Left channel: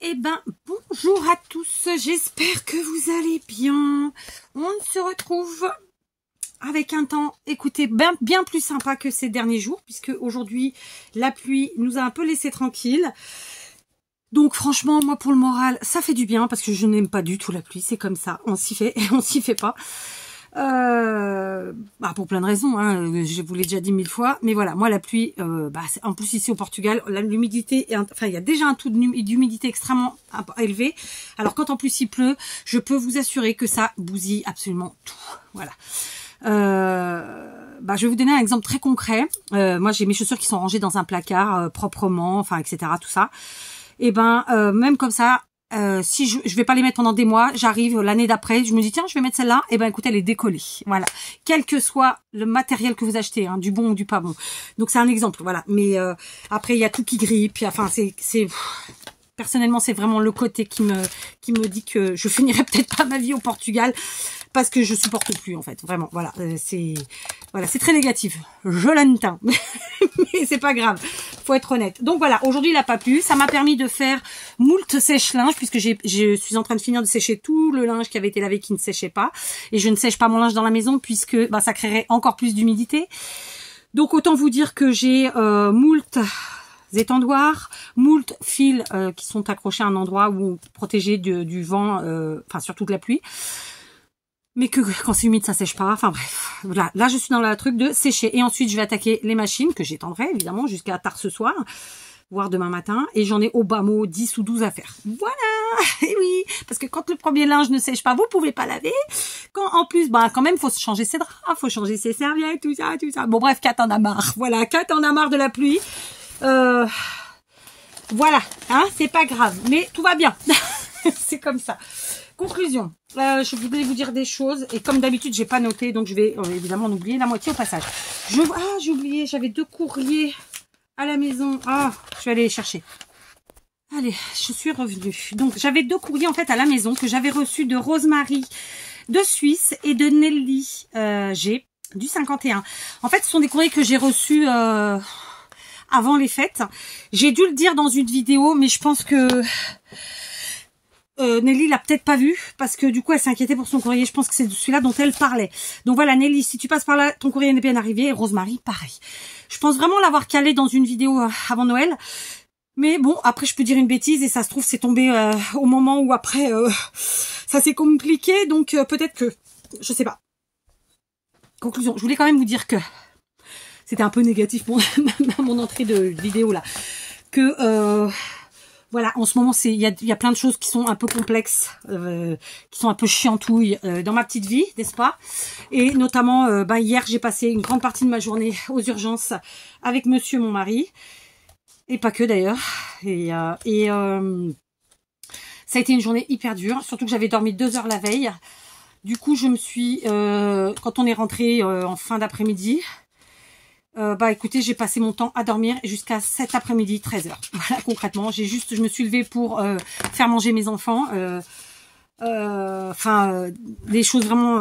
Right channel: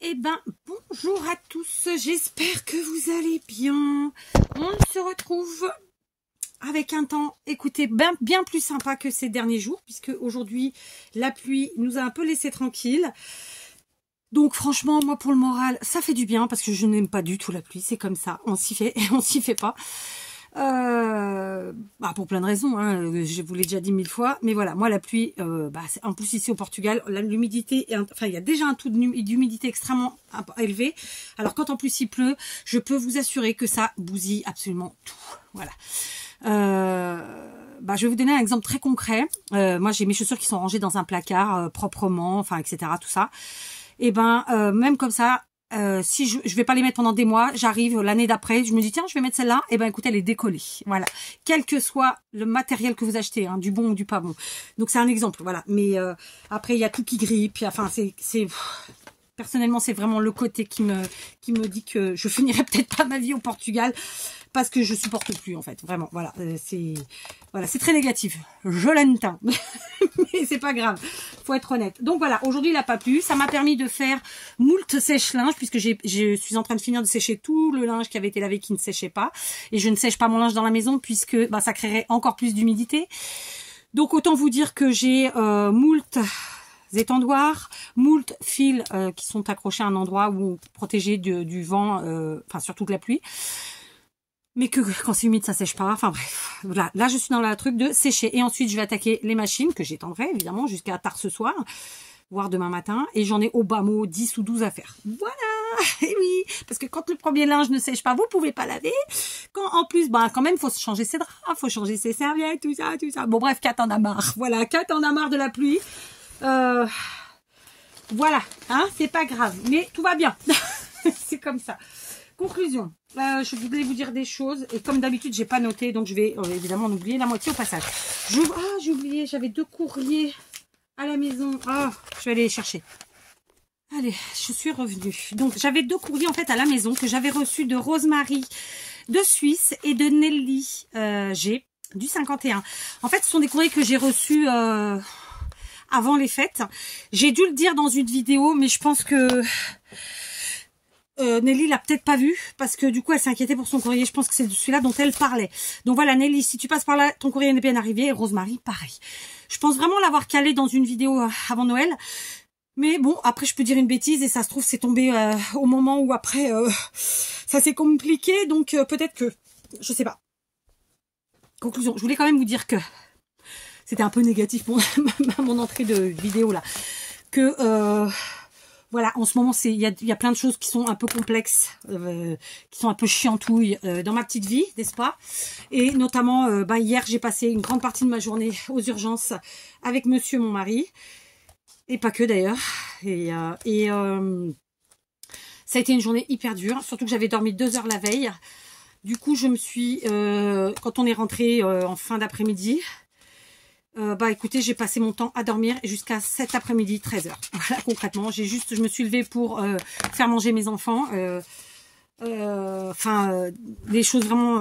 Eh ben, bonjour à tous, j'espère que vous allez bien. On se retrouve avec un temps, écoutez, bien plus sympa que ces derniers jours, puisque aujourd'hui, la pluie nous a un peu laissé tranquille. Donc franchement, moi pour le moral, ça fait du bien, parce que je n'aime pas du tout la pluie, c'est comme ça, on s'y fait, on s'y fait pas. Pour plein de raisons, hein, je vous l'ai déjà dit 1000 fois, mais voilà, moi la pluie, en plus ici au Portugal, l'humidité, enfin il y a déjà un taux d'humidité extrêmement élevé, alors quand en plus il pleut, je peux vous assurer que ça bousille absolument tout, voilà. Je vais vous donner un exemple très concret. Moi j'ai mes chaussures qui sont rangées dans un placard proprement, enfin etc. tout ça, et même comme ça, si je vais pas les mettre pendant des mois, j'arrive l'année d'après, je me dis tiens je vais mettre celle-là, et écoutez elle est décollée, voilà, quel que soit le matériel que vous achetez, hein, du bon ou du pas bon. Donc c'est un exemple, voilà, mais après il y a tout qui grille, puis enfin personnellement c'est vraiment le côté qui me dit que je finirai peut-être pas ma vie au Portugal, parce que je supporte plus en fait, vraiment, voilà, c'est très négatif, je l'entends, mais c'est pas grave, faut être honnête. Donc voilà, aujourd'hui il n'a pas plu, ça m'a permis de faire moult sèche-linge, puisque je suis en train de finir de sécher tout le linge qui avait été lavé qui ne séchait pas, et je ne sèche pas mon linge dans la maison, puisque ça créerait encore plus d'humidité. Donc autant vous dire que j'ai moult étendoirs, moult fils qui sont accrochés à un endroit où protégés du vent, surtout de la pluie, mais que quand c'est humide ça sèche pas, enfin bref, voilà, là je suis dans le truc de sécher, et ensuite je vais attaquer les machines que j'étendrai évidemment jusqu'à tard ce soir, voire demain matin, et j'en ai au bas mot 10 ou 12 à faire, voilà. Et oui, parce que quand le premier linge ne sèche pas, vous pouvez pas laver, quand en plus, quand même faut changer ses draps, faut changer ses serviettes, tout ça, bon bref, Kat en a marre, voilà, Kat en a marre de la pluie, voilà, hein, c'est pas grave, mais tout va bien, c'est comme ça. Conclusion, je voulais vous dire des choses, et comme d'habitude j'ai pas noté, donc je vais évidemment en oublier la moitié au passage. J'ai oublié, j'avais 2 courriers à la maison, je vais aller les chercher. Allez, je suis revenue. Donc j'avais 2 courriers en fait à la maison que j'avais reçus de Rosemary de Suisse et de Nelly G du 51. En fait ce sont des courriers que j'ai reçus avant les fêtes. J'ai dû le dire dans une vidéo, mais je pense que Nelly l'a peut-être pas vu, parce que du coup elle s'est inquiétée pour son courrier. Je pense que c'est celui-là dont elle parlait. Donc voilà Nelly, si tu passes par là, ton courrier est bien arrivé. Et Rosemary, pareil. Je pense vraiment l'avoir calé dans une vidéo avant Noël. Mais bon, après je peux dire une bêtise, et ça se trouve c'est tombé au moment où après ça s'est compliqué. Donc peut-être que, je sais pas. Conclusion, je voulais quand même vous dire que c'était un peu négatif mon entrée de vidéo là. Que voilà, en ce moment, il y a plein de choses qui sont un peu complexes, qui sont un peu chiantouilles dans ma petite vie, n'est-ce pas? Et notamment, hier, j'ai passé une grande partie de ma journée aux urgences avec monsieur, mon mari, et pas que d'ailleurs. Et ça a été une journée hyper dure, surtout que j'avais dormi 2 heures la veille. Du coup, je me suis, quand on est rentré en fin d'après-midi, écoutez, j'ai passé mon temps à dormir jusqu'à cet après-midi, 13h. Voilà, concrètement, je me suis levée pour faire manger mes enfants. Des choses vraiment,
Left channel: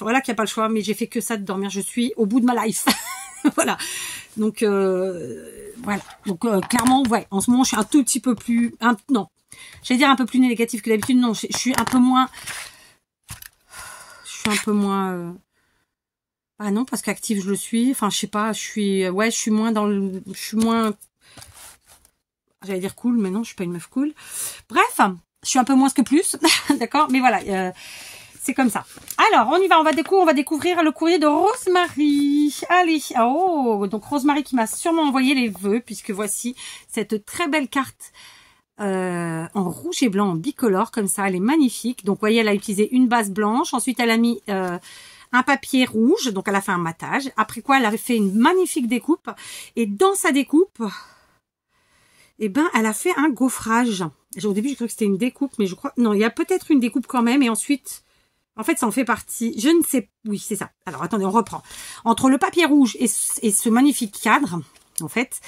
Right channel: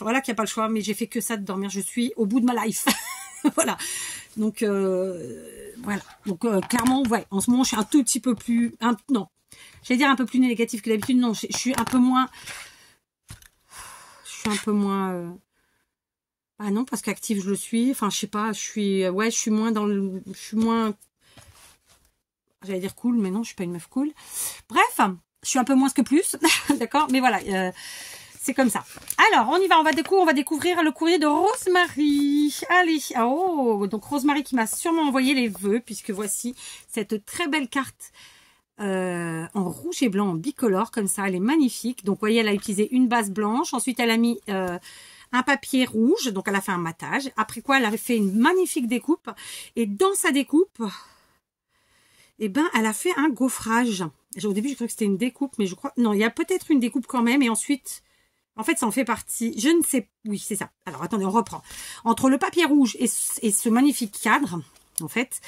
voilà, qu'il n'y a pas le choix, mais j'ai fait que ça de dormir. Je suis au bout de ma life. Voilà. Donc, voilà. Donc, clairement, ouais, en ce moment, je suis un tout petit peu plus, non, j'allais dire un peu plus négative que d'habitude. Non, je suis un peu moins, ah non, parce qu'active je le suis, enfin je sais pas, je suis moins j'allais dire cool, mais non, je suis pas une meuf cool. Bref, je suis un peu moins que plus, d'accord, mais voilà, c'est comme ça. Alors, on y va, on va découvrir le courrier de Rosemary. Allez, donc Rosemary qui m'a sûrement envoyé les vœux, puisque voici cette très belle carte en rouge et blanc, en bicolore, comme ça, elle est magnifique. Donc, vous voyez, elle a utilisé une base blanche, ensuite elle a mis un papier rouge, donc elle a fait un matage, après quoi elle a fait une magnifique découpe, et dans sa découpe, elle a fait un gaufrage. Au début, je crois que c'était une découpe, mais je crois, non, il y a peut-être une découpe quand même, et ensuite, en fait, ça en fait partie, je ne sais, oui, c'est ça. Alors, attendez, on reprend. Entre le papier rouge et ce magnifique cadre, en fait,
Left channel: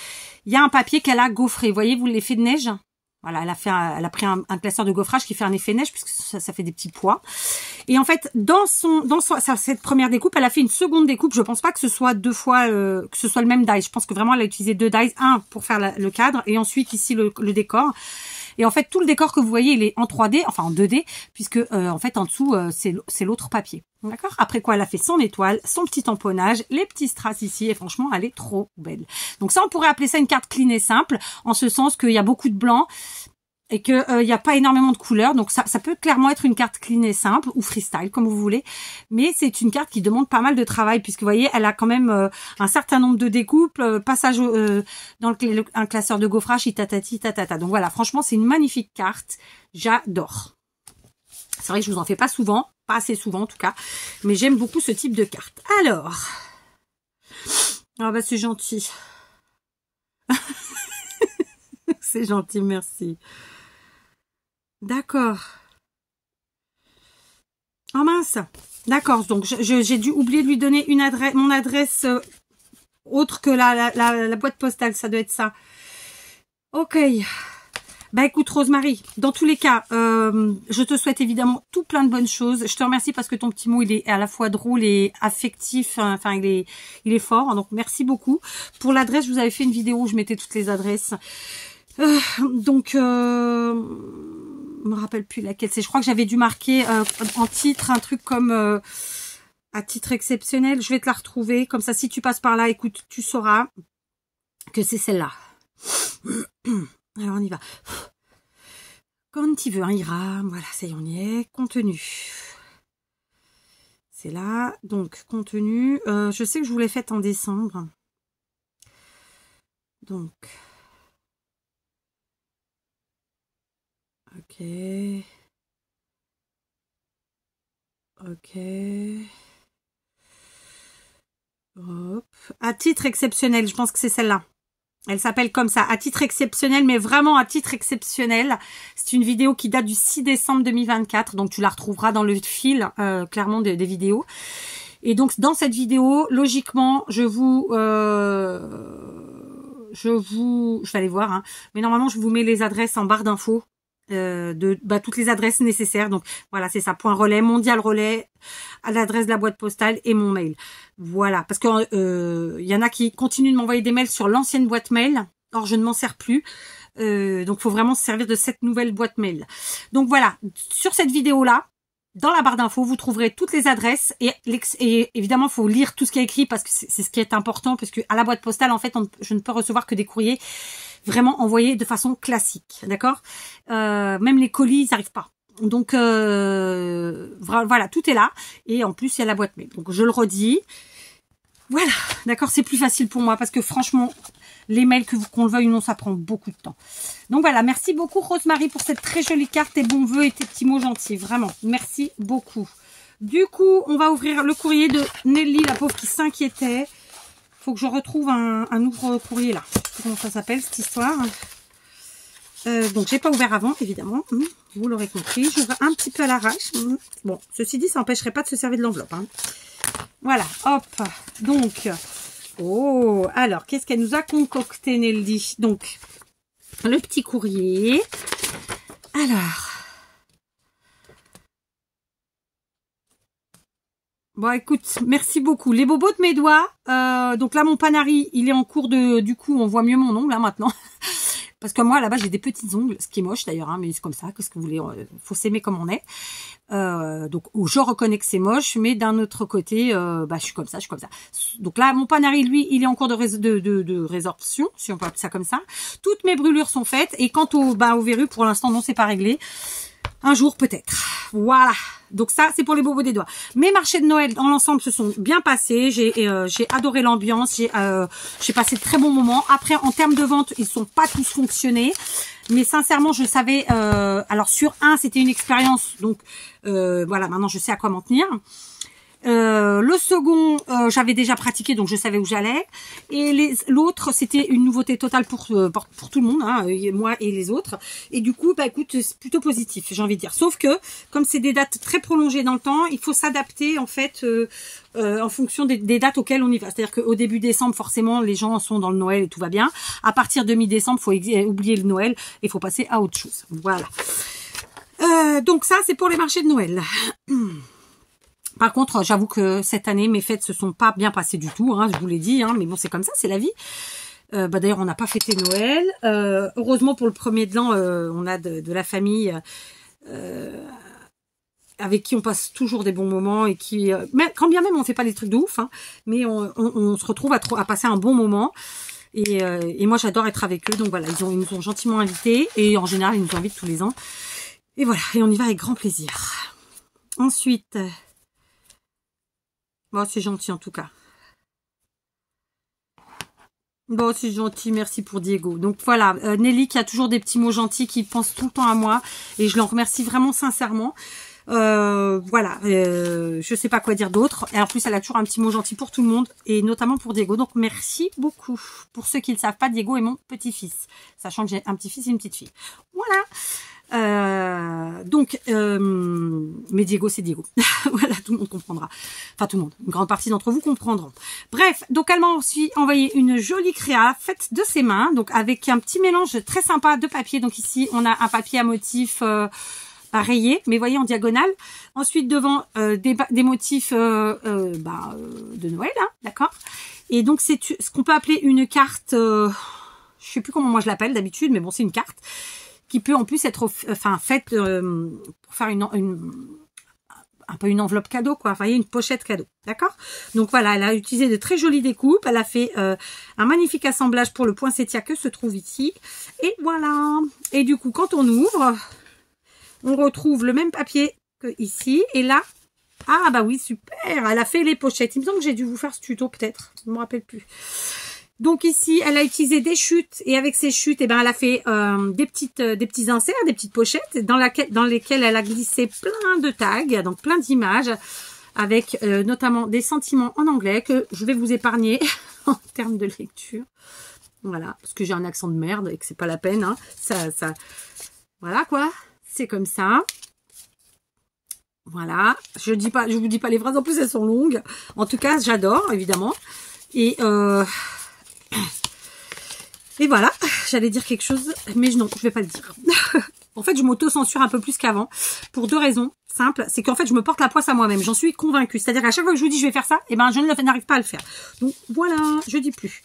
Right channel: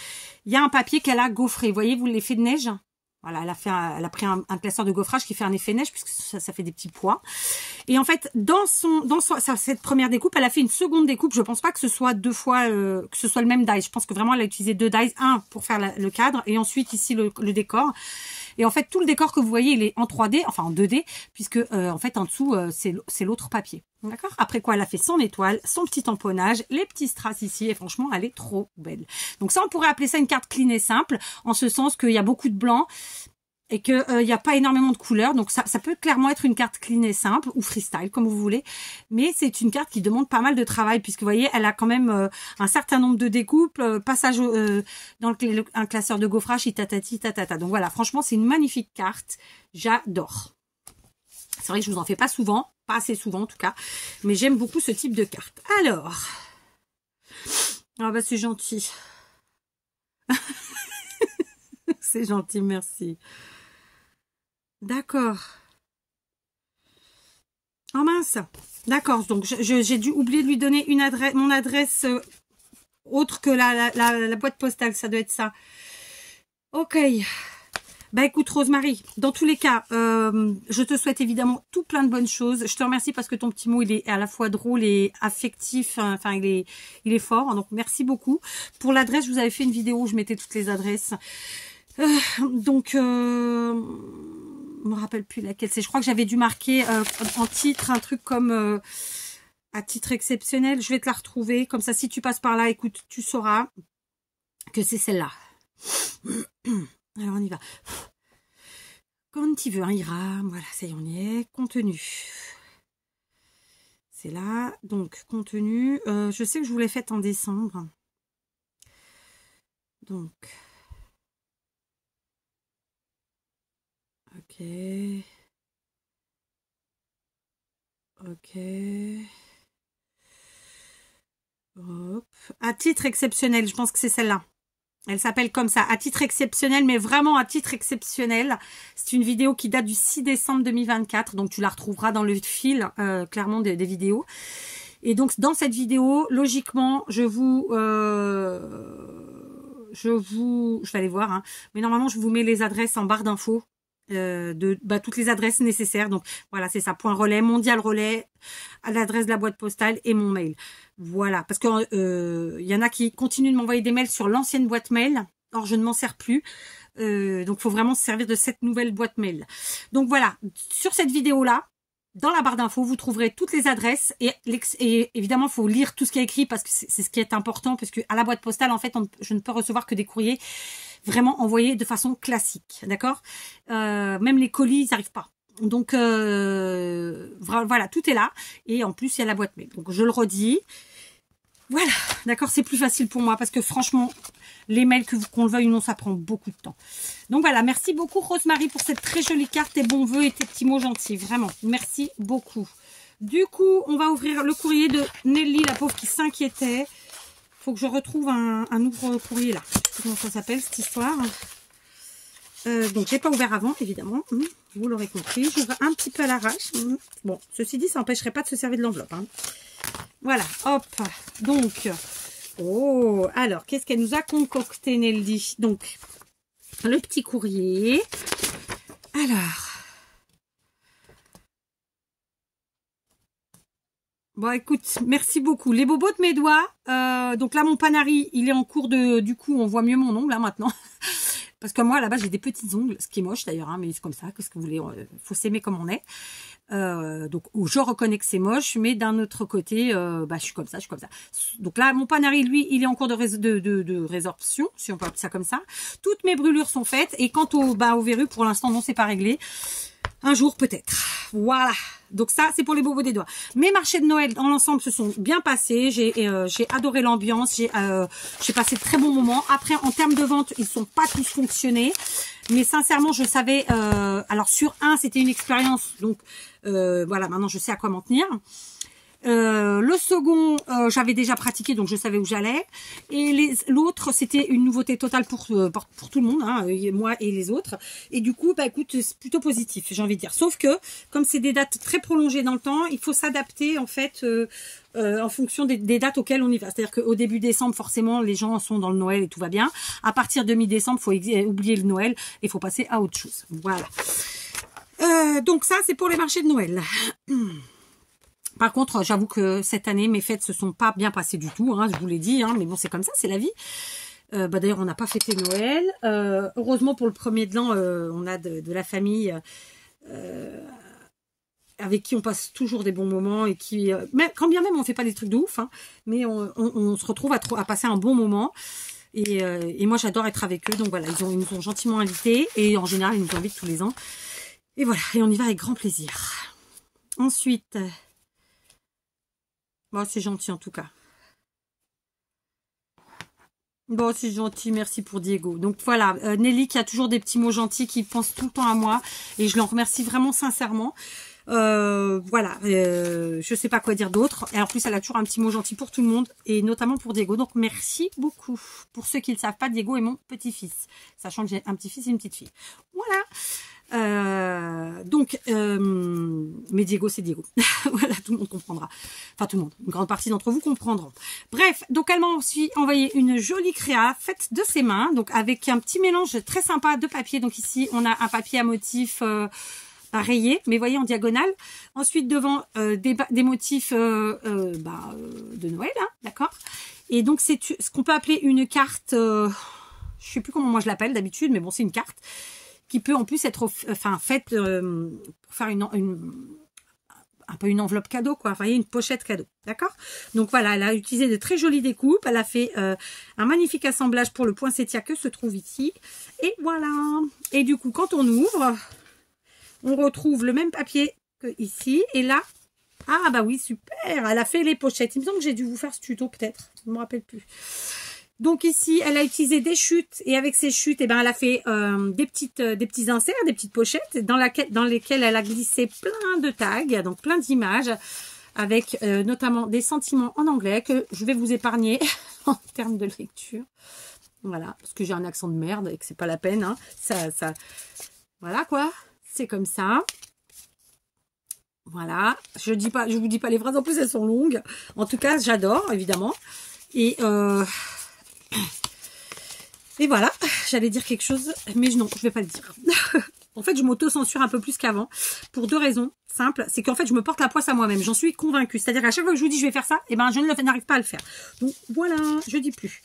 il y a un papier qu'elle a gaufré. Vous voyez, vous l'effet de neige? Voilà, elle a pris un classeur de gaufrage qui fait un effet neige, puisque ça fait des petits pois. Et en fait, dans cette première découpe, elle a fait une seconde découpe. Je pense pas que ce soit 2 fois, que ce soit le même die. Je pense que vraiment, elle a utilisé 2 dies. Un pour faire le cadre, et ensuite ici le décor. Et en fait, tout le décor que vous voyez, il est en 3D, enfin en 2D, puisque en fait, en dessous, c'est l'autre papier. D'accord? Après quoi, elle a fait son étoile, son petit tamponnage, les petits strass ici, et franchement, elle est trop belle. Donc ça, on pourrait appeler ça une carte clean et simple, en ce sens qu'il y a beaucoup de blanc, et qu'il n'y a pas énormément de couleurs. Donc ça peut clairement être une carte clean et simple ou freestyle comme vous voulez, mais c'est une carte qui demande pas mal de travail puisque vous voyez elle a quand même un certain nombre de découpes, passage dans un classeur de gaufrage, tatati tatata. Donc voilà, franchement c'est une magnifique carte, j'adore. C'est vrai que je vous en fais pas souvent, pas assez souvent en tout cas, mais j'aime beaucoup ce type de carte. Alors ah bah c'est gentil. C'est gentil, merci. D'accord. Oh mince. D'accord, donc j'ai dû oublier de lui donner une adresse, mon adresse autre que la boîte postale, ça doit être ça. Ok. Bah écoute Rosemary, dans tous les cas, je te souhaite évidemment tout plein de bonnes choses. Je te remercie parce que ton petit mot, il est à la fois drôle et affectif, enfin il est fort, donc merci beaucoup. Pour l'adresse, je vous avais fait une vidéo où je mettais toutes les adresses. Donc, je me rappelle plus laquelle c'est. Je crois que j'avais dû marquer en titre un truc comme à titre exceptionnel. Je vais te la retrouver. Comme ça, si tu passes par là, écoute, tu sauras que c'est celle-là. Alors, on y va. Quand tu veux, un ira. Voilà, ça y est, on y est. Contenu. C'est là. Donc, contenu. Je sais que je vous l'ai faite en décembre. Donc... Ok. Ok. Hop. À titre exceptionnel, je pense que c'est celle-là. Elle s'appelle comme ça, à titre exceptionnel, mais vraiment à titre exceptionnel. C'est une vidéo qui date du 6 décembre 2024, donc tu la retrouveras dans le fil, clairement, des vidéos. Et donc, dans cette vidéo, logiquement, je vais aller voir, hein, mais normalement, je vous mets les adresses en barre d'infos. Toutes les adresses nécessaires. Donc voilà, c'est ça, point relais, mondial relais, à l'adresse de la boîte postale et mon mail. Voilà, parce que y en a qui continuent de m'envoyer des mails sur l'ancienne boîte mail. Or, je ne m'en sers plus. Donc, il faut vraiment se servir de cette nouvelle boîte mail. Donc voilà, sur cette vidéo-là, dans la barre d'infos, vous trouverez toutes les adresses et évidemment, il faut lire tout ce qui est écrit parce que c'est ce qui est important, parce que à la boîte postale, en fait, je ne peux recevoir que des courriers vraiment envoyés de façon classique, d'accord? Même les colis, ils n'arrivent pas. Donc, voilà, tout est là. Et en plus, il y a la boîte mail. Donc, je le redis. Voilà, d'accord, c'est plus facile pour moi parce que franchement, les mails, qu'on le veuille ou non, ça prend beaucoup de temps. Donc voilà, merci beaucoup Rosemary pour cette très jolie carte, tes bons voeux et tes petits mots gentils. Vraiment, merci beaucoup. Du coup, on va ouvrir le courrier de Nelly, la pauvre qui s'inquiétait. Faut que je retrouve un ouvre-courrier là. Comment ça s'appelle cette histoire? Donc, j'ai pas ouvert avant, évidemment. Vous l'aurez compris. J'ouvre un petit peu à l'arrache. Bon, ceci dit, ça n'empêcherait pas de se servir de l'enveloppe. Hein. Voilà, hop. Donc, oh, alors, qu'est-ce qu'elle nous a concocté, Nelly? Donc, le petit courrier. Alors. Bon, écoute, merci beaucoup. Les bobos de mes doigts. Donc là, mon Panari, il est en cours de... Du coup, on voit mieux mon ongle, là, maintenant. Parce que moi, là-bas, j'ai des petits ongles. Ce qui est moche, d'ailleurs, hein, mais c'est comme ça. Qu'est-ce que vous voulez? Faut s'aimer comme on est. Donc, je reconnais que c'est moche. Mais d'un autre côté, je suis comme ça, je suis comme ça. Donc là, mon Panari, lui, il est en cours de résorption, si on peut appeler ça comme ça. Toutes mes brûlures sont faites. Et quant au verrue, pour l'instant, non, c'est pas réglé. Un jour, peut-être. Voilà. Donc ça, c'est pour les bobos des doigts. Mes marchés de Noël, dans l'ensemble, se sont bien passés. J'ai adoré l'ambiance. J'ai passé de très bons moments. Après, en termes de vente, ils sont pas tous fonctionnés. Mais sincèrement, je savais... alors, sur un, c'était une expérience. Donc, voilà, maintenant, je sais à quoi m'en tenir. Le second, j'avais déjà pratiqué, donc je savais où j'allais. Et l'autre, c'était une nouveauté totale pour tout le monde, hein, moi et les autres. Et du coup, écoute, c'est plutôt positif, j'ai envie de dire. Sauf que, comme c'est des dates très prolongées dans le temps, il faut s'adapter, en fait, en fonction des dates auxquelles on y va. C'est-à-dire qu'au début décembre, forcément, les gens sont dans le Noël et tout va bien. À partir de mi-décembre, il faut oublier le Noël et il faut passer à autre chose. Voilà. Donc ça, c'est pour les marchés de Noël. Par contre, j'avoue que cette année, mes fêtes se sont pas bien passées du tout, hein, je vous l'ai dit, hein, mais bon, c'est comme ça, c'est la vie. D'ailleurs, on n'a pas fêté Noël. Heureusement, pour le premier de l'an, on a de la famille avec qui on passe toujours des bons moments et qui, quand bien même on fait pas des trucs de ouf, hein, mais on se retrouve à passer un bon moment. Et moi, j'adore être avec eux. Donc voilà, ils nous ont gentiment invités et en général, ils nous invitent tous les ans. Et voilà, et on y va avec grand plaisir. Ensuite, bon, c'est gentil en tout cas. Bon, c'est gentil, merci pour Diego. Donc voilà, Nelly qui a toujours des petits mots gentils, qui pense tout le temps à moi. Et je l'en remercie vraiment sincèrement. Voilà, je sais pas quoi dire d'autre. Et en plus, elle a toujours un petit mot gentil pour tout le monde. Et notamment pour Diego. Donc merci beaucoup. Pour ceux qui ne le savent pas, Diego est mon petit-fils. Sachant que j'ai un petit-fils et une petite fille. Voilà. Mais Diego, c'est Diego. Voilà, tout le monde comprendra. Enfin, tout le monde. Une grande partie d'entre vous comprendront. Bref, donc elle m'a aussi envoyé une jolie créa faite de ses mains. Donc, avec un petit mélange très sympa de papier. Donc ici, on a un papier à motif rayé, mais voyez en diagonale. Ensuite, devant, des motifs de Noël, hein, d'accord. Et donc, c'est ce qu'on peut appeler une carte... je sais plus comment moi je l'appelle d'habitude, mais bon, c'est une carte qui peut en plus être faite pour faire un peu une enveloppe cadeau, quoi. Vous voyez, une pochette cadeau, d'accord. Donc voilà, elle a utilisé de très jolies découpes. Elle a fait un magnifique assemblage pour le poinsettia que se trouve ici. Et voilà. Et du coup, quand on ouvre, on retrouve le même papier que ici. Et là, ah bah oui, super. Elle a fait les pochettes. Il me semble que j'ai dû vous faire ce tuto peut-être. Je ne me rappelle plus. Donc ici, elle a utilisé des chutes et avec ces chutes, elle a fait des petits inserts, des petites pochettes dans lesquelles elle a glissé plein de tags, donc plein d'images, avec notamment des sentiments en anglais que je vais vous épargner en termes de lecture. Voilà, parce que j'ai un accent de merde et que c'est pas la peine. Hein. Voilà quoi, c'est comme ça. Voilà, je vous dis pas les phrases, en plus elles sont longues. En tout cas, j'adore évidemment. Et voilà, j'allais dire quelque chose, mais non, je vais pas le dire. En fait, je m'auto-censure un peu plus qu'avant, pour deux raisons simples. C'est qu'en fait, je me porte la poisse à moi-même, j'en suis convaincue. C'est-à-dire qu'à chaque fois que je vous dis je vais faire ça, je n'arrive pas à le faire. Donc voilà, je dis plus.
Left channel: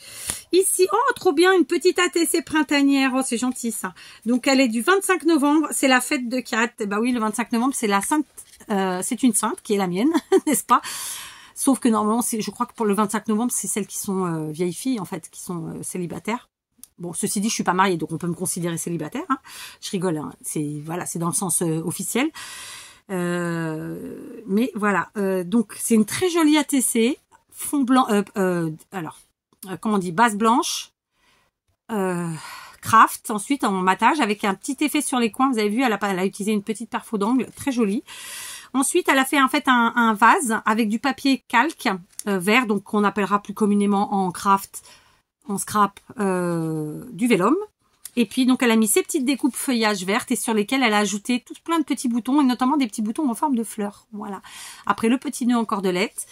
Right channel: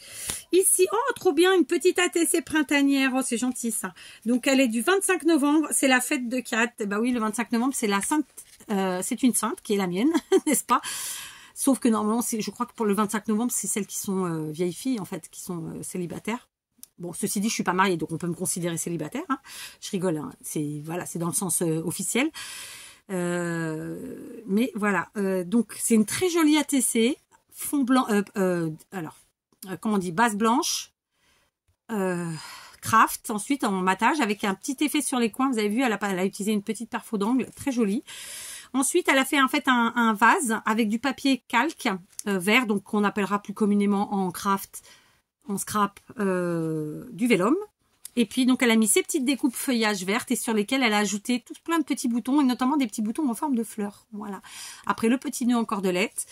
Ici, oh, trop bien, une petite ATC printanière. Oh, c'est gentil ça. Donc elle est du 25 novembre, c'est la fête de Kat. Bah oui, le 25 novembre, c'est la sainte, c'est une sainte qui est la mienne, n'est-ce pas? Sauf que normalement, je crois que pour le 25 novembre, c'est celles qui sont vieilles filles, en fait, qui sont célibataires. Bon, ceci dit, je suis pas mariée, donc on peut me considérer célibataire. Hein. Je rigole, hein. C'est dans le sens officiel. Mais voilà, donc c'est une très jolie ATC, fond blanc, comment on dit, base blanche, craft, ensuite en matage, avec un petit effet sur les coins. Vous avez vu, elle a utilisé une petite perfo d'angle, très jolie. Ensuite, elle a fait en fait un vase avec du papier calque vert, donc qu'on appellera plus communément en craft, en scrap, du vélum. Et puis donc elle a mis ses petites découpes feuillage vertes et sur lesquelles elle a ajouté tout plein de petits boutons et notamment des petits boutons en forme de fleurs. Voilà. Après le petit nœud en cordelette.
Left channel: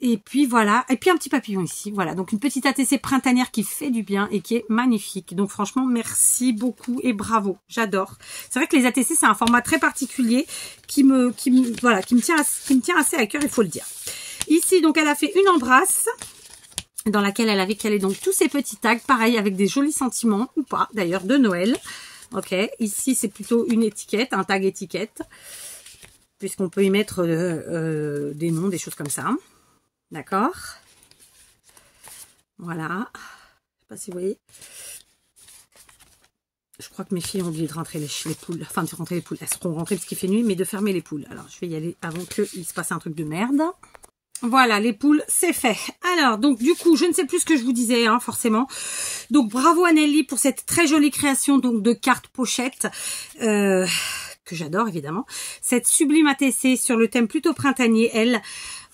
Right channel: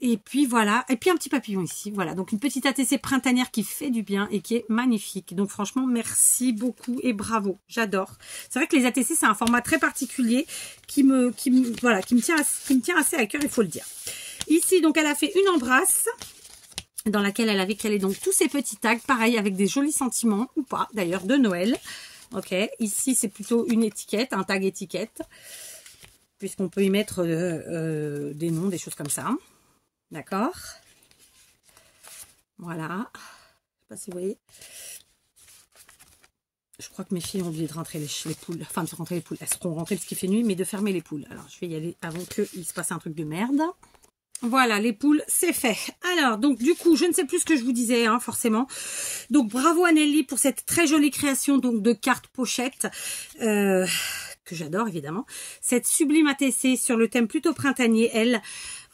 Et puis voilà. Et puis un petit papillon ici. Voilà. Donc une petite ATC printanière qui fait du bien et qui est magnifique. Donc franchement, merci beaucoup et bravo. J'adore. C'est vrai que les ATC, c'est un format très particulier qui me tient assez à cœur, il faut le dire. Ici, donc elle a fait une embrasse dans laquelle elle avait calé donc tous ces petits tags, pareil avec des jolis sentiments, ou pas d'ailleurs, de Noël. Ok, ici c'est plutôt une étiquette, un tag étiquette, puisqu'on peut y mettre des noms, des choses comme ça. D'accord. Voilà. Je sais pas si vous voyez. Je crois que mes filles ont oublié de rentrer les poules. Enfin, de rentrer les poules. Elles seront rentrées parce qu'il fait nuit, mais de fermer les poules. Alors, je vais y aller avant qu'il se passe un truc de merde. Voilà, les poules, c'est fait. Alors, donc, du coup, je ne sais plus ce que je vous disais, hein, forcément. Donc, bravo à Nelly pour cette très jolie création donc de cartes pochettes, que j'adore, évidemment. Cette sublime ATC sur le thème plutôt printanier, elle,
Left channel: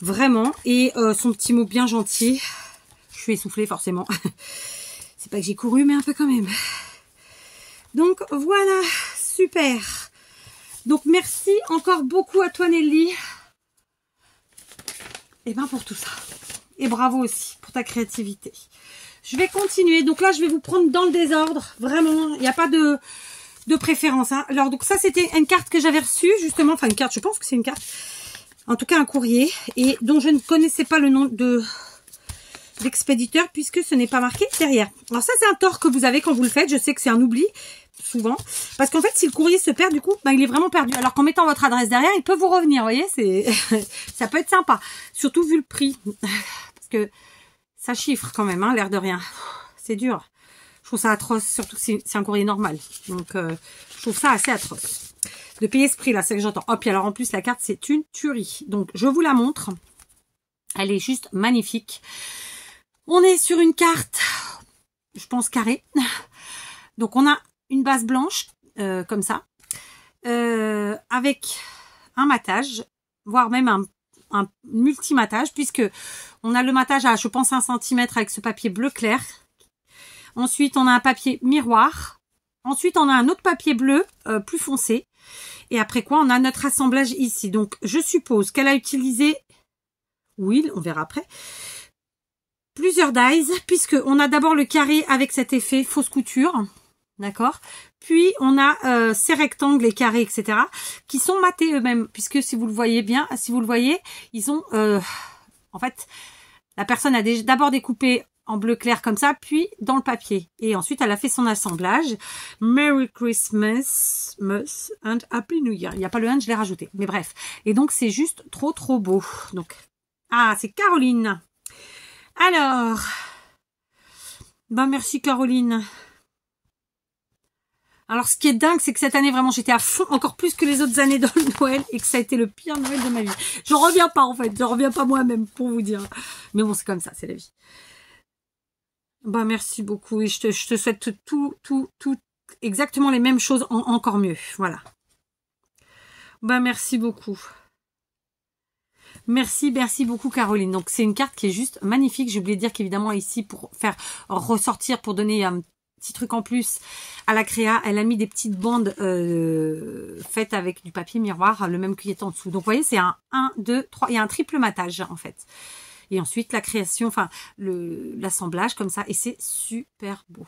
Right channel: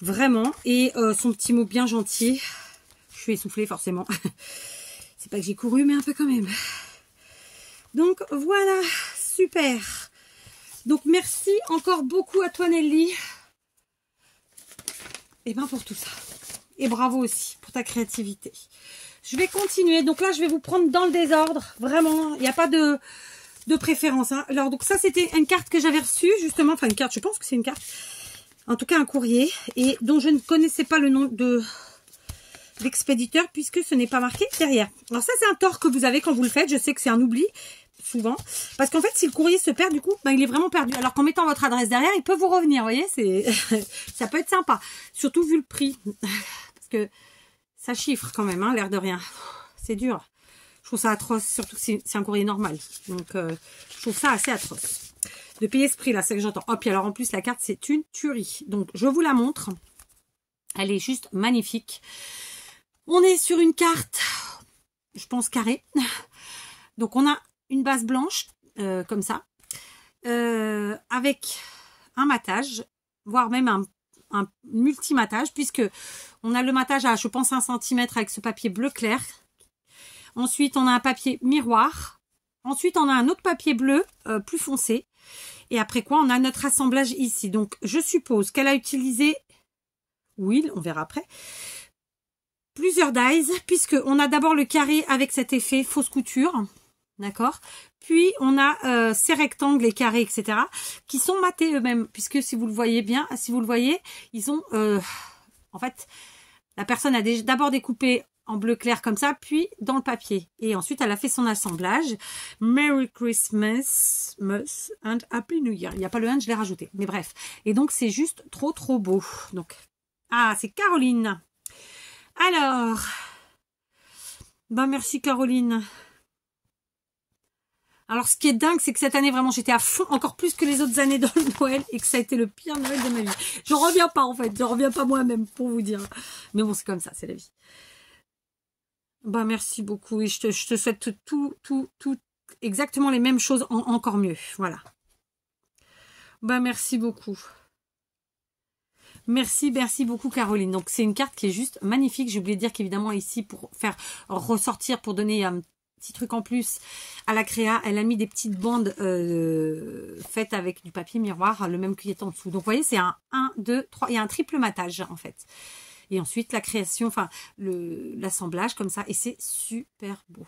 vraiment. Et son petit mot bien gentil. Je suis essoufflée, forcément. C'est pas que j'ai couru, mais un peu quand même. Donc, voilà, super. Donc, merci encore beaucoup à toi, Nelly. Et ben pour tout ça. Et bravo aussi pour ta créativité. Je vais continuer. Donc là, je vais vous prendre dans le désordre. Vraiment, il n'y a pas de préférence. Hein. Alors, donc ça, c'était une carte que j'avais reçue, justement. Enfin, une carte, je pense que c'est une carte. En tout cas, un courrier. Et dont je ne connaissais pas le nom de d'expéditeur puisque ce n'est pas marqué derrière. Alors ça, c'est un tort que vous avez quand vous le faites. Je sais que c'est un oubli, souvent. Parce qu'en fait, si le courrier se perd, du coup, bah, il est vraiment perdu. Alors qu'en mettant votre adresse derrière, il peut vous revenir. Vous voyez, c'est ça peut être sympa. Surtout vu le prix. Parce que ça chiffre quand même, hein, l'air de rien. C'est dur. Je trouve ça atroce, surtout que c'est un courrier normal. Donc, je trouve ça assez atroce. De payer ce prix-là, c'est ce que j'entends. Oh, puis alors en plus, la carte, c'est une tuerie. Donc, je vous la montre. Elle est juste magnifique. On est sur une carte, je pense, carrée. Donc, on a une base blanche, comme ça, avec un matage, voire même un multi-matage, puisque on a le matage à, je pense, 1 cm avec ce papier bleu clair. Ensuite, on a un papier miroir. Ensuite, on a un autre papier bleu plus foncé. Et après quoi, on a notre assemblage ici. Donc, je suppose qu'elle a utilisé, oui, on verra après, plusieurs dies, puisque on a d'abord le carré avec cet effet fausse couture, d'accord. Puis, on a ces rectangles, les carrés, etc., qui sont matés eux-mêmes, puisque si vous le voyez bien, si vous le voyez, ils ont, en fait, la personne a d'abord découpé en bleu clair comme ça, puis dans le papier. Et ensuite, elle a fait son assemblage. Merry Christmas and Happy New Year. Il n'y a pas le and, je l'ai rajouté. Mais bref. Et donc, c'est juste trop, trop beau. Donc, ah, c'est Caroline. Alors, bah merci Caroline. Alors, ce qui est dingue, c'est que cette année, vraiment, j'étais à fond, encore plus que les autres années dans le Noël, et que ça a été le pire Noël de ma vie. J'en reviens pas, en fait. J'en reviens pas moi-même, pour vous dire. Mais bon, c'est comme ça, c'est la vie. Bah, merci beaucoup. Et je te souhaite tout, exactement les mêmes choses, encore mieux. Voilà. Bah, merci beaucoup. Merci beaucoup Caroline. Donc, c'est une carte qui est juste magnifique. J'ai oublié de dire qu'évidemment, ici, pour faire ressortir, pour donner un petit truc en plus à la créa, elle a mis des petites bandes faites avec du papier miroir, le même qui est en dessous. Donc, vous voyez, c'est un 1, 2, 3. Il y a un triple matage, en fait. Et ensuite, la création, enfin, l'assemblage comme ça. Et c'est super beau.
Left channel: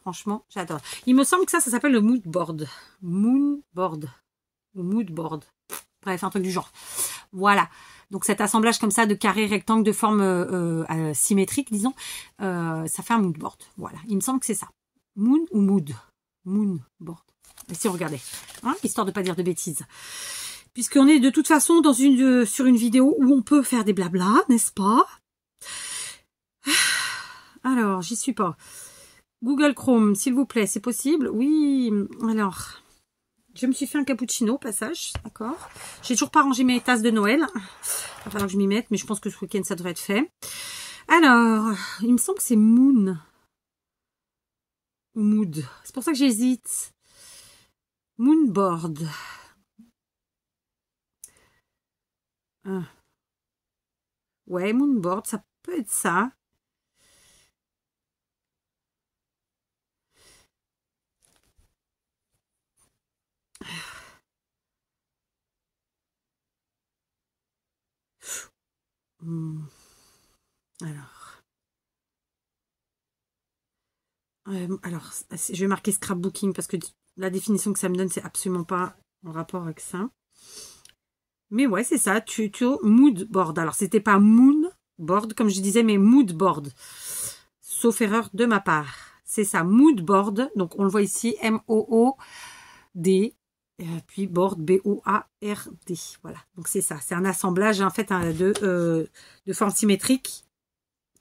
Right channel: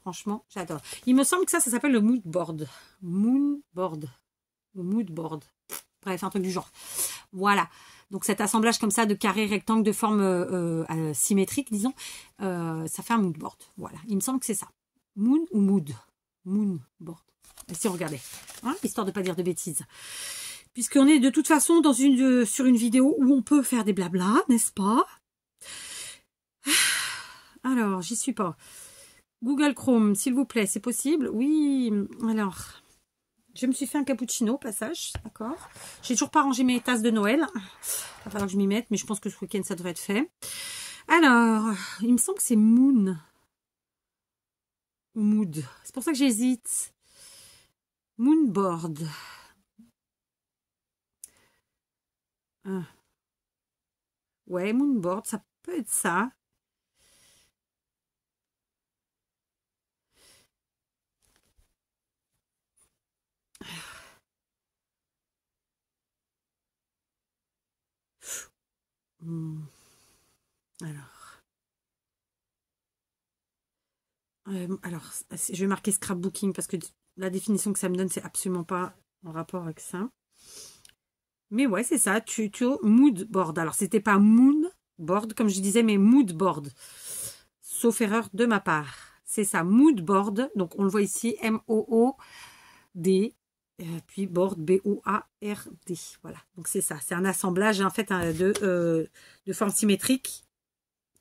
Franchement, j'adore. Il me semble que ça s'appelle le mood board. Moodboard. Moodboard. Bref, un truc du genre. Voilà. Donc, cet assemblage comme ça de carrés, rectangles, de forme symétrique, disons, ça fait un moodboard. Voilà. Il me semble que c'est ça. Moon ou mood? Moonboard. Et si on regardait. Hein, histoire de ne pas dire de bêtises. Puisqu'on est de toute façon sur une vidéo où on peut faire des blablas, n'est-ce pas? Alors, j'y suis pas. Google Chrome, s'il vous plaît, c'est possible? Oui. Alors, je me suis fait un cappuccino, passage, d'accord. J'ai toujours pas rangé mes tasses de Noël. Il va falloir que je m'y mette, mais je pense que ce week-end, ça devrait être fait. Alors, il me semble que c'est Moon. Mood. C'est pour ça que j'hésite. Moonboard. Ouais, moonboard, ça peut être ça. Alors, je vais marquer scrapbooking parce que la définition que ça me donne, c'est absolument pas en rapport avec ça. Mais ouais, c'est ça, tuto moodboard. Alors, c'était pas moonboard, comme je disais, mais moodboard. Sauf erreur de ma part. C'est ça, moodboard. Donc, on le voit ici, M-O-O-D. Puis board, B-O-A-R-D. Voilà, donc c'est ça. C'est un assemblage, en fait, de forme symétrique,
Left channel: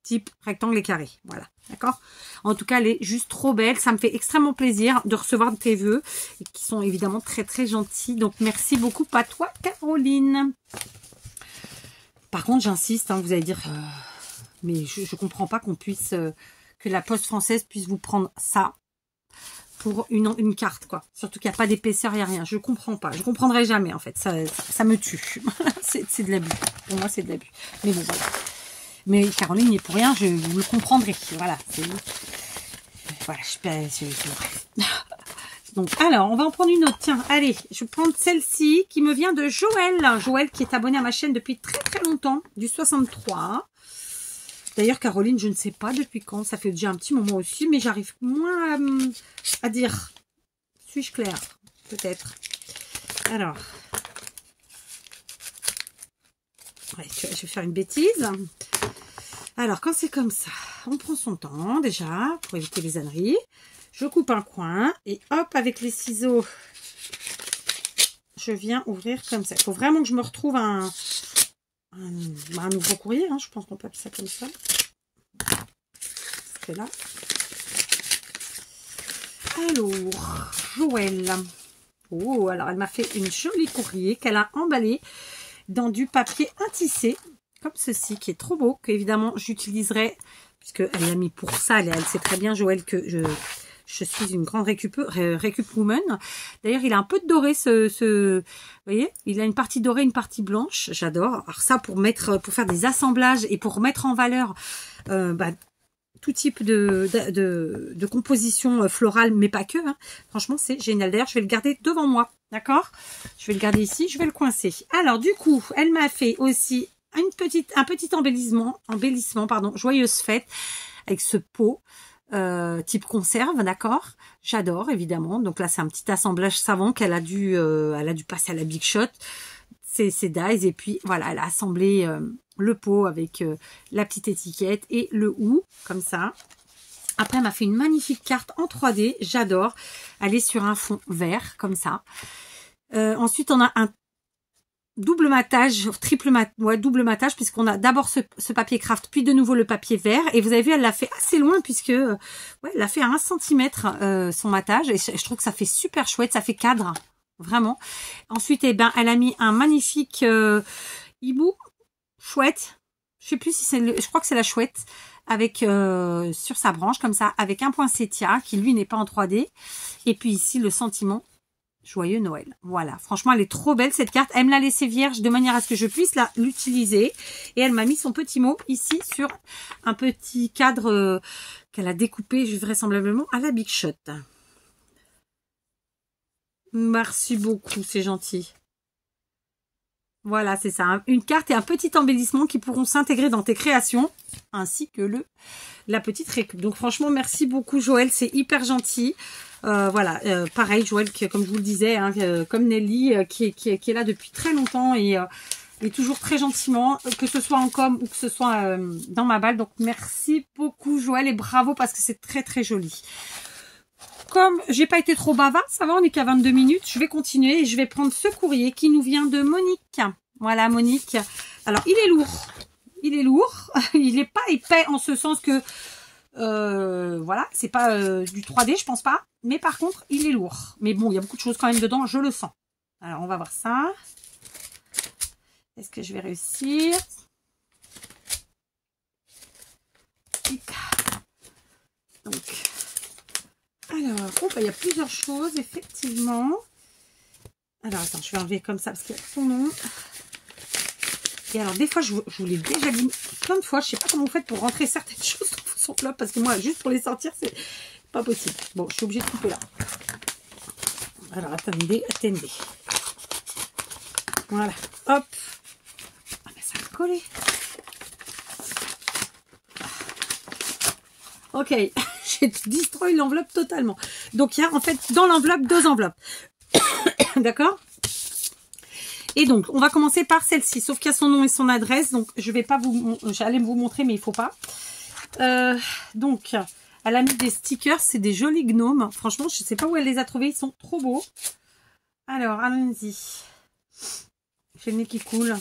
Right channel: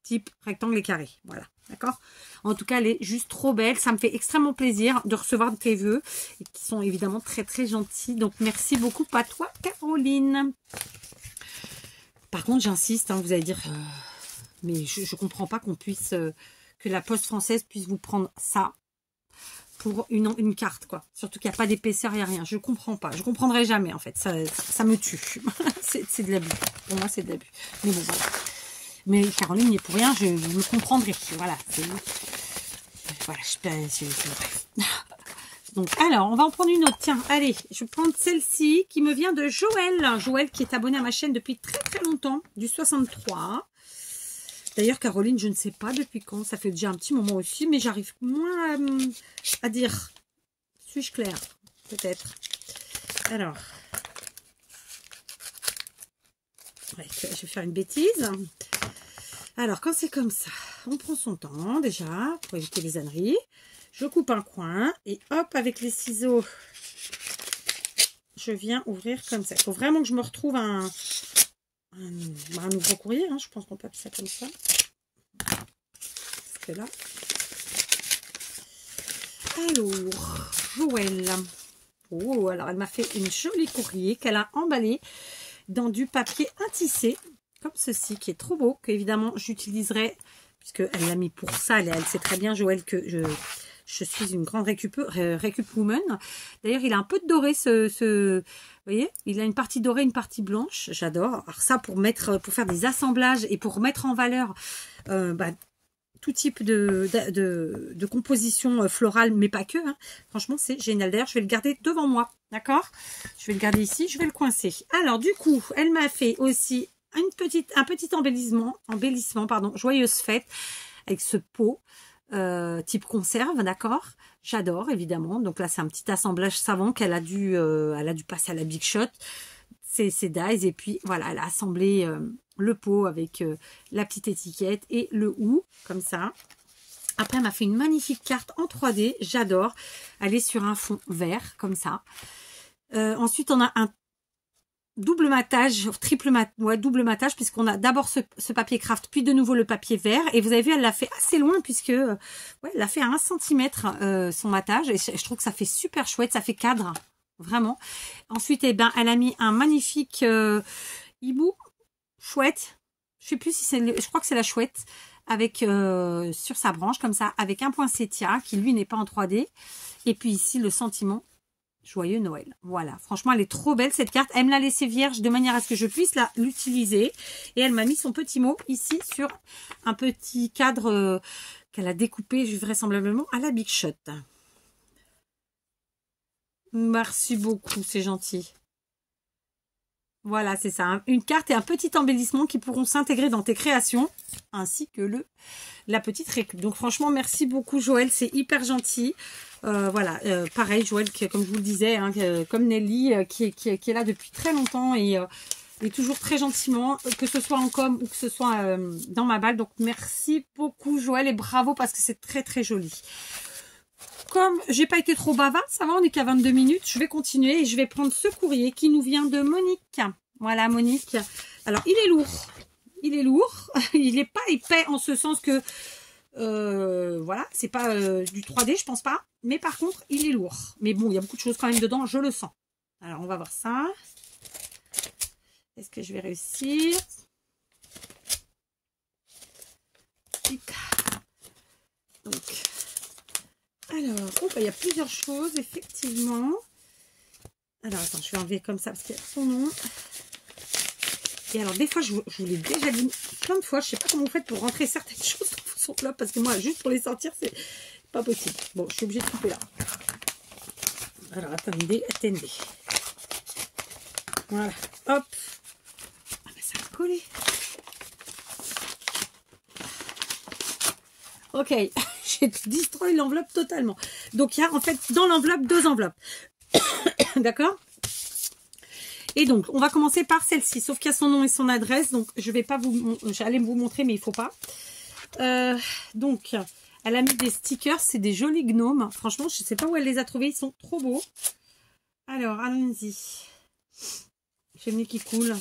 type rectangle et carré. Voilà, d'accord? En tout cas, elle est juste trop belle. Ça me fait extrêmement plaisir de recevoir tes vœux, qui sont évidemment très, très gentils. Donc, merci beaucoup à toi, Caroline. Par contre, j'insiste, hein, vous allez dire, mais je ne comprends pas qu'on puisse, que la Poste française puisse vous prendre ça pour une carte, quoi. Surtout qu'il n'y a pas d'épaisseur, il n'y a rien. Je ne comprends pas. Je ne comprendrai jamais, en fait. Ça me tue. C'est de l'abus. Pour moi, c'est de l'abus. Mais bon, voilà. Mais Caroline n'est pour rien, vous le comprendrez. Voilà. Voilà, bref. Donc, alors, on va en prendre une autre. Tiens, allez, je vais prendre celle-ci qui me vient de Joël. Joël qui est abonné à ma chaîne depuis très très longtemps, du 63. D'ailleurs, Caroline, je ne sais pas depuis quand. Ça fait déjà un petit moment aussi, mais j'arrive moins à dire. Suis-je claire? Peut-être. Alors. Ouais, je vais faire une bêtise. Alors, quand c'est comme ça, on prend son temps déjà pour éviter les âneries. Je coupe un coin et hop, avec les ciseaux, je viens ouvrir comme ça. Il faut vraiment que je me retrouve un nouveau courrier. Hein, je pense qu'on peut appeler ça comme ça. Parce que là. Alors, Joël. Oh, alors elle m'a fait une jolie courrier qu'elle a emballé dans du papier intissé, comme ceci, qui est trop beau, que évidemment j'utiliserai, puisqu'elle l'a mis pour ça. Elle sait très bien, Joël, que je suis une grande récup woman. D'ailleurs, il a un peu de doré, vous voyez, il a une partie dorée, une partie blanche. J'adore. Alors ça, pour faire des assemblages et pour mettre en valeur tout type de composition florale, mais pas que. Hein. Franchement, c'est génial. D'ailleurs, je vais le garder devant moi. D'accord? Je vais le garder ici, je vais le coincer. Alors, du coup, elle m'a fait aussi un petit embellissement, joyeuse fête, avec ce pot type conserve, d'accord? J'adore, évidemment. Donc là, c'est un petit assemblage savant qu'elle a dû passer à la Big Shot. C'est dies. Et puis, voilà, elle a assemblé le pot avec la petite étiquette et le ou, comme ça. Après, elle m'a fait une magnifique carte en 3D. J'adore. Elle est sur un fond vert, comme ça. Ensuite, on a un double matage, double matage, puisqu'on a d'abord ce papier craft, puis de nouveau le papier vert. Et vous avez vu, elle l'a fait assez loin, puisque elle l'a fait à 1 cm son matage. Et je trouve que ça fait super chouette, ça fait cadre, vraiment. Ensuite, eh ben, elle a mis un magnifique hibou, chouette. Je sais plus si c'est, je crois que c'est la chouette, avec sur sa branche, comme ça, avec un poinsettia, qui lui n'est pas en 3D. Et puis ici, le sentiment. Joyeux Noël. Voilà. Franchement, elle est trop belle cette carte. Elle me l'a laissée vierge de manière à ce que je puisse l'utiliser. Et elle m'a mis son petit mot ici sur un petit cadre qu'elle a découpé vraisemblablement à la Big Shot. Merci beaucoup, c'est gentil. Voilà, c'est ça. Hein. Une carte et un petit embellissement qui pourront s'intégrer dans tes créations, ainsi que la petite récup. Donc franchement, merci beaucoup Joël, c'est hyper gentil. Voilà, pareil Joël, comme je vous le disais, hein, comme Nelly, qui est là depuis très longtemps et toujours très gentiment, que ce soit en com ou que ce soit dans ma balle. Donc merci beaucoup Joël et bravo parce que c'est très très joli. Comme j'ai pas été trop bavarde, ça va, on est qu'à 22 minutes, je vais continuer et je vais prendre ce courrier qui nous vient de Monique. Voilà Monique. Alors il est lourd, il n'est pas épais en ce sens que voilà, c'est pas du 3D, je pense pas. Mais par contre, il est lourd. Mais bon, il y a beaucoup de choses quand même dedans, je le sens. Alors, on va voir ça. Est-ce que je vais réussir? Donc, alors, il y a plusieurs choses, effectivement. Alors, attends, je vais enlever comme ça parce qu'il y a ton nom. Et alors, des fois, je vous l'ai déjà dit plein de fois. Je sais pas comment vous faites pour rentrer certaines choses dans vos enveloppes parce que moi, juste pour les sortir, c'est pas possible. Bon, je suis obligée de couper là. Alors, attendez. Voilà, hop. Ah ben, ça va coller. Ok, j'ai destroy l'enveloppe totalement. Donc, il y a en fait dans l'enveloppe 2 enveloppes. D'accord? Et donc, on va commencer par celle-ci. Sauf qu'il y a son nom et son adresse. Donc, je vais pas j'allais vous montrer, mais il faut pas. Donc, elle a mis des stickers. C'est des jolis gnomes. Franchement, je ne sais pas où elle les a trouvés. Ils sont trop beaux. Alors, allons-y. J'ai le nez qui coule.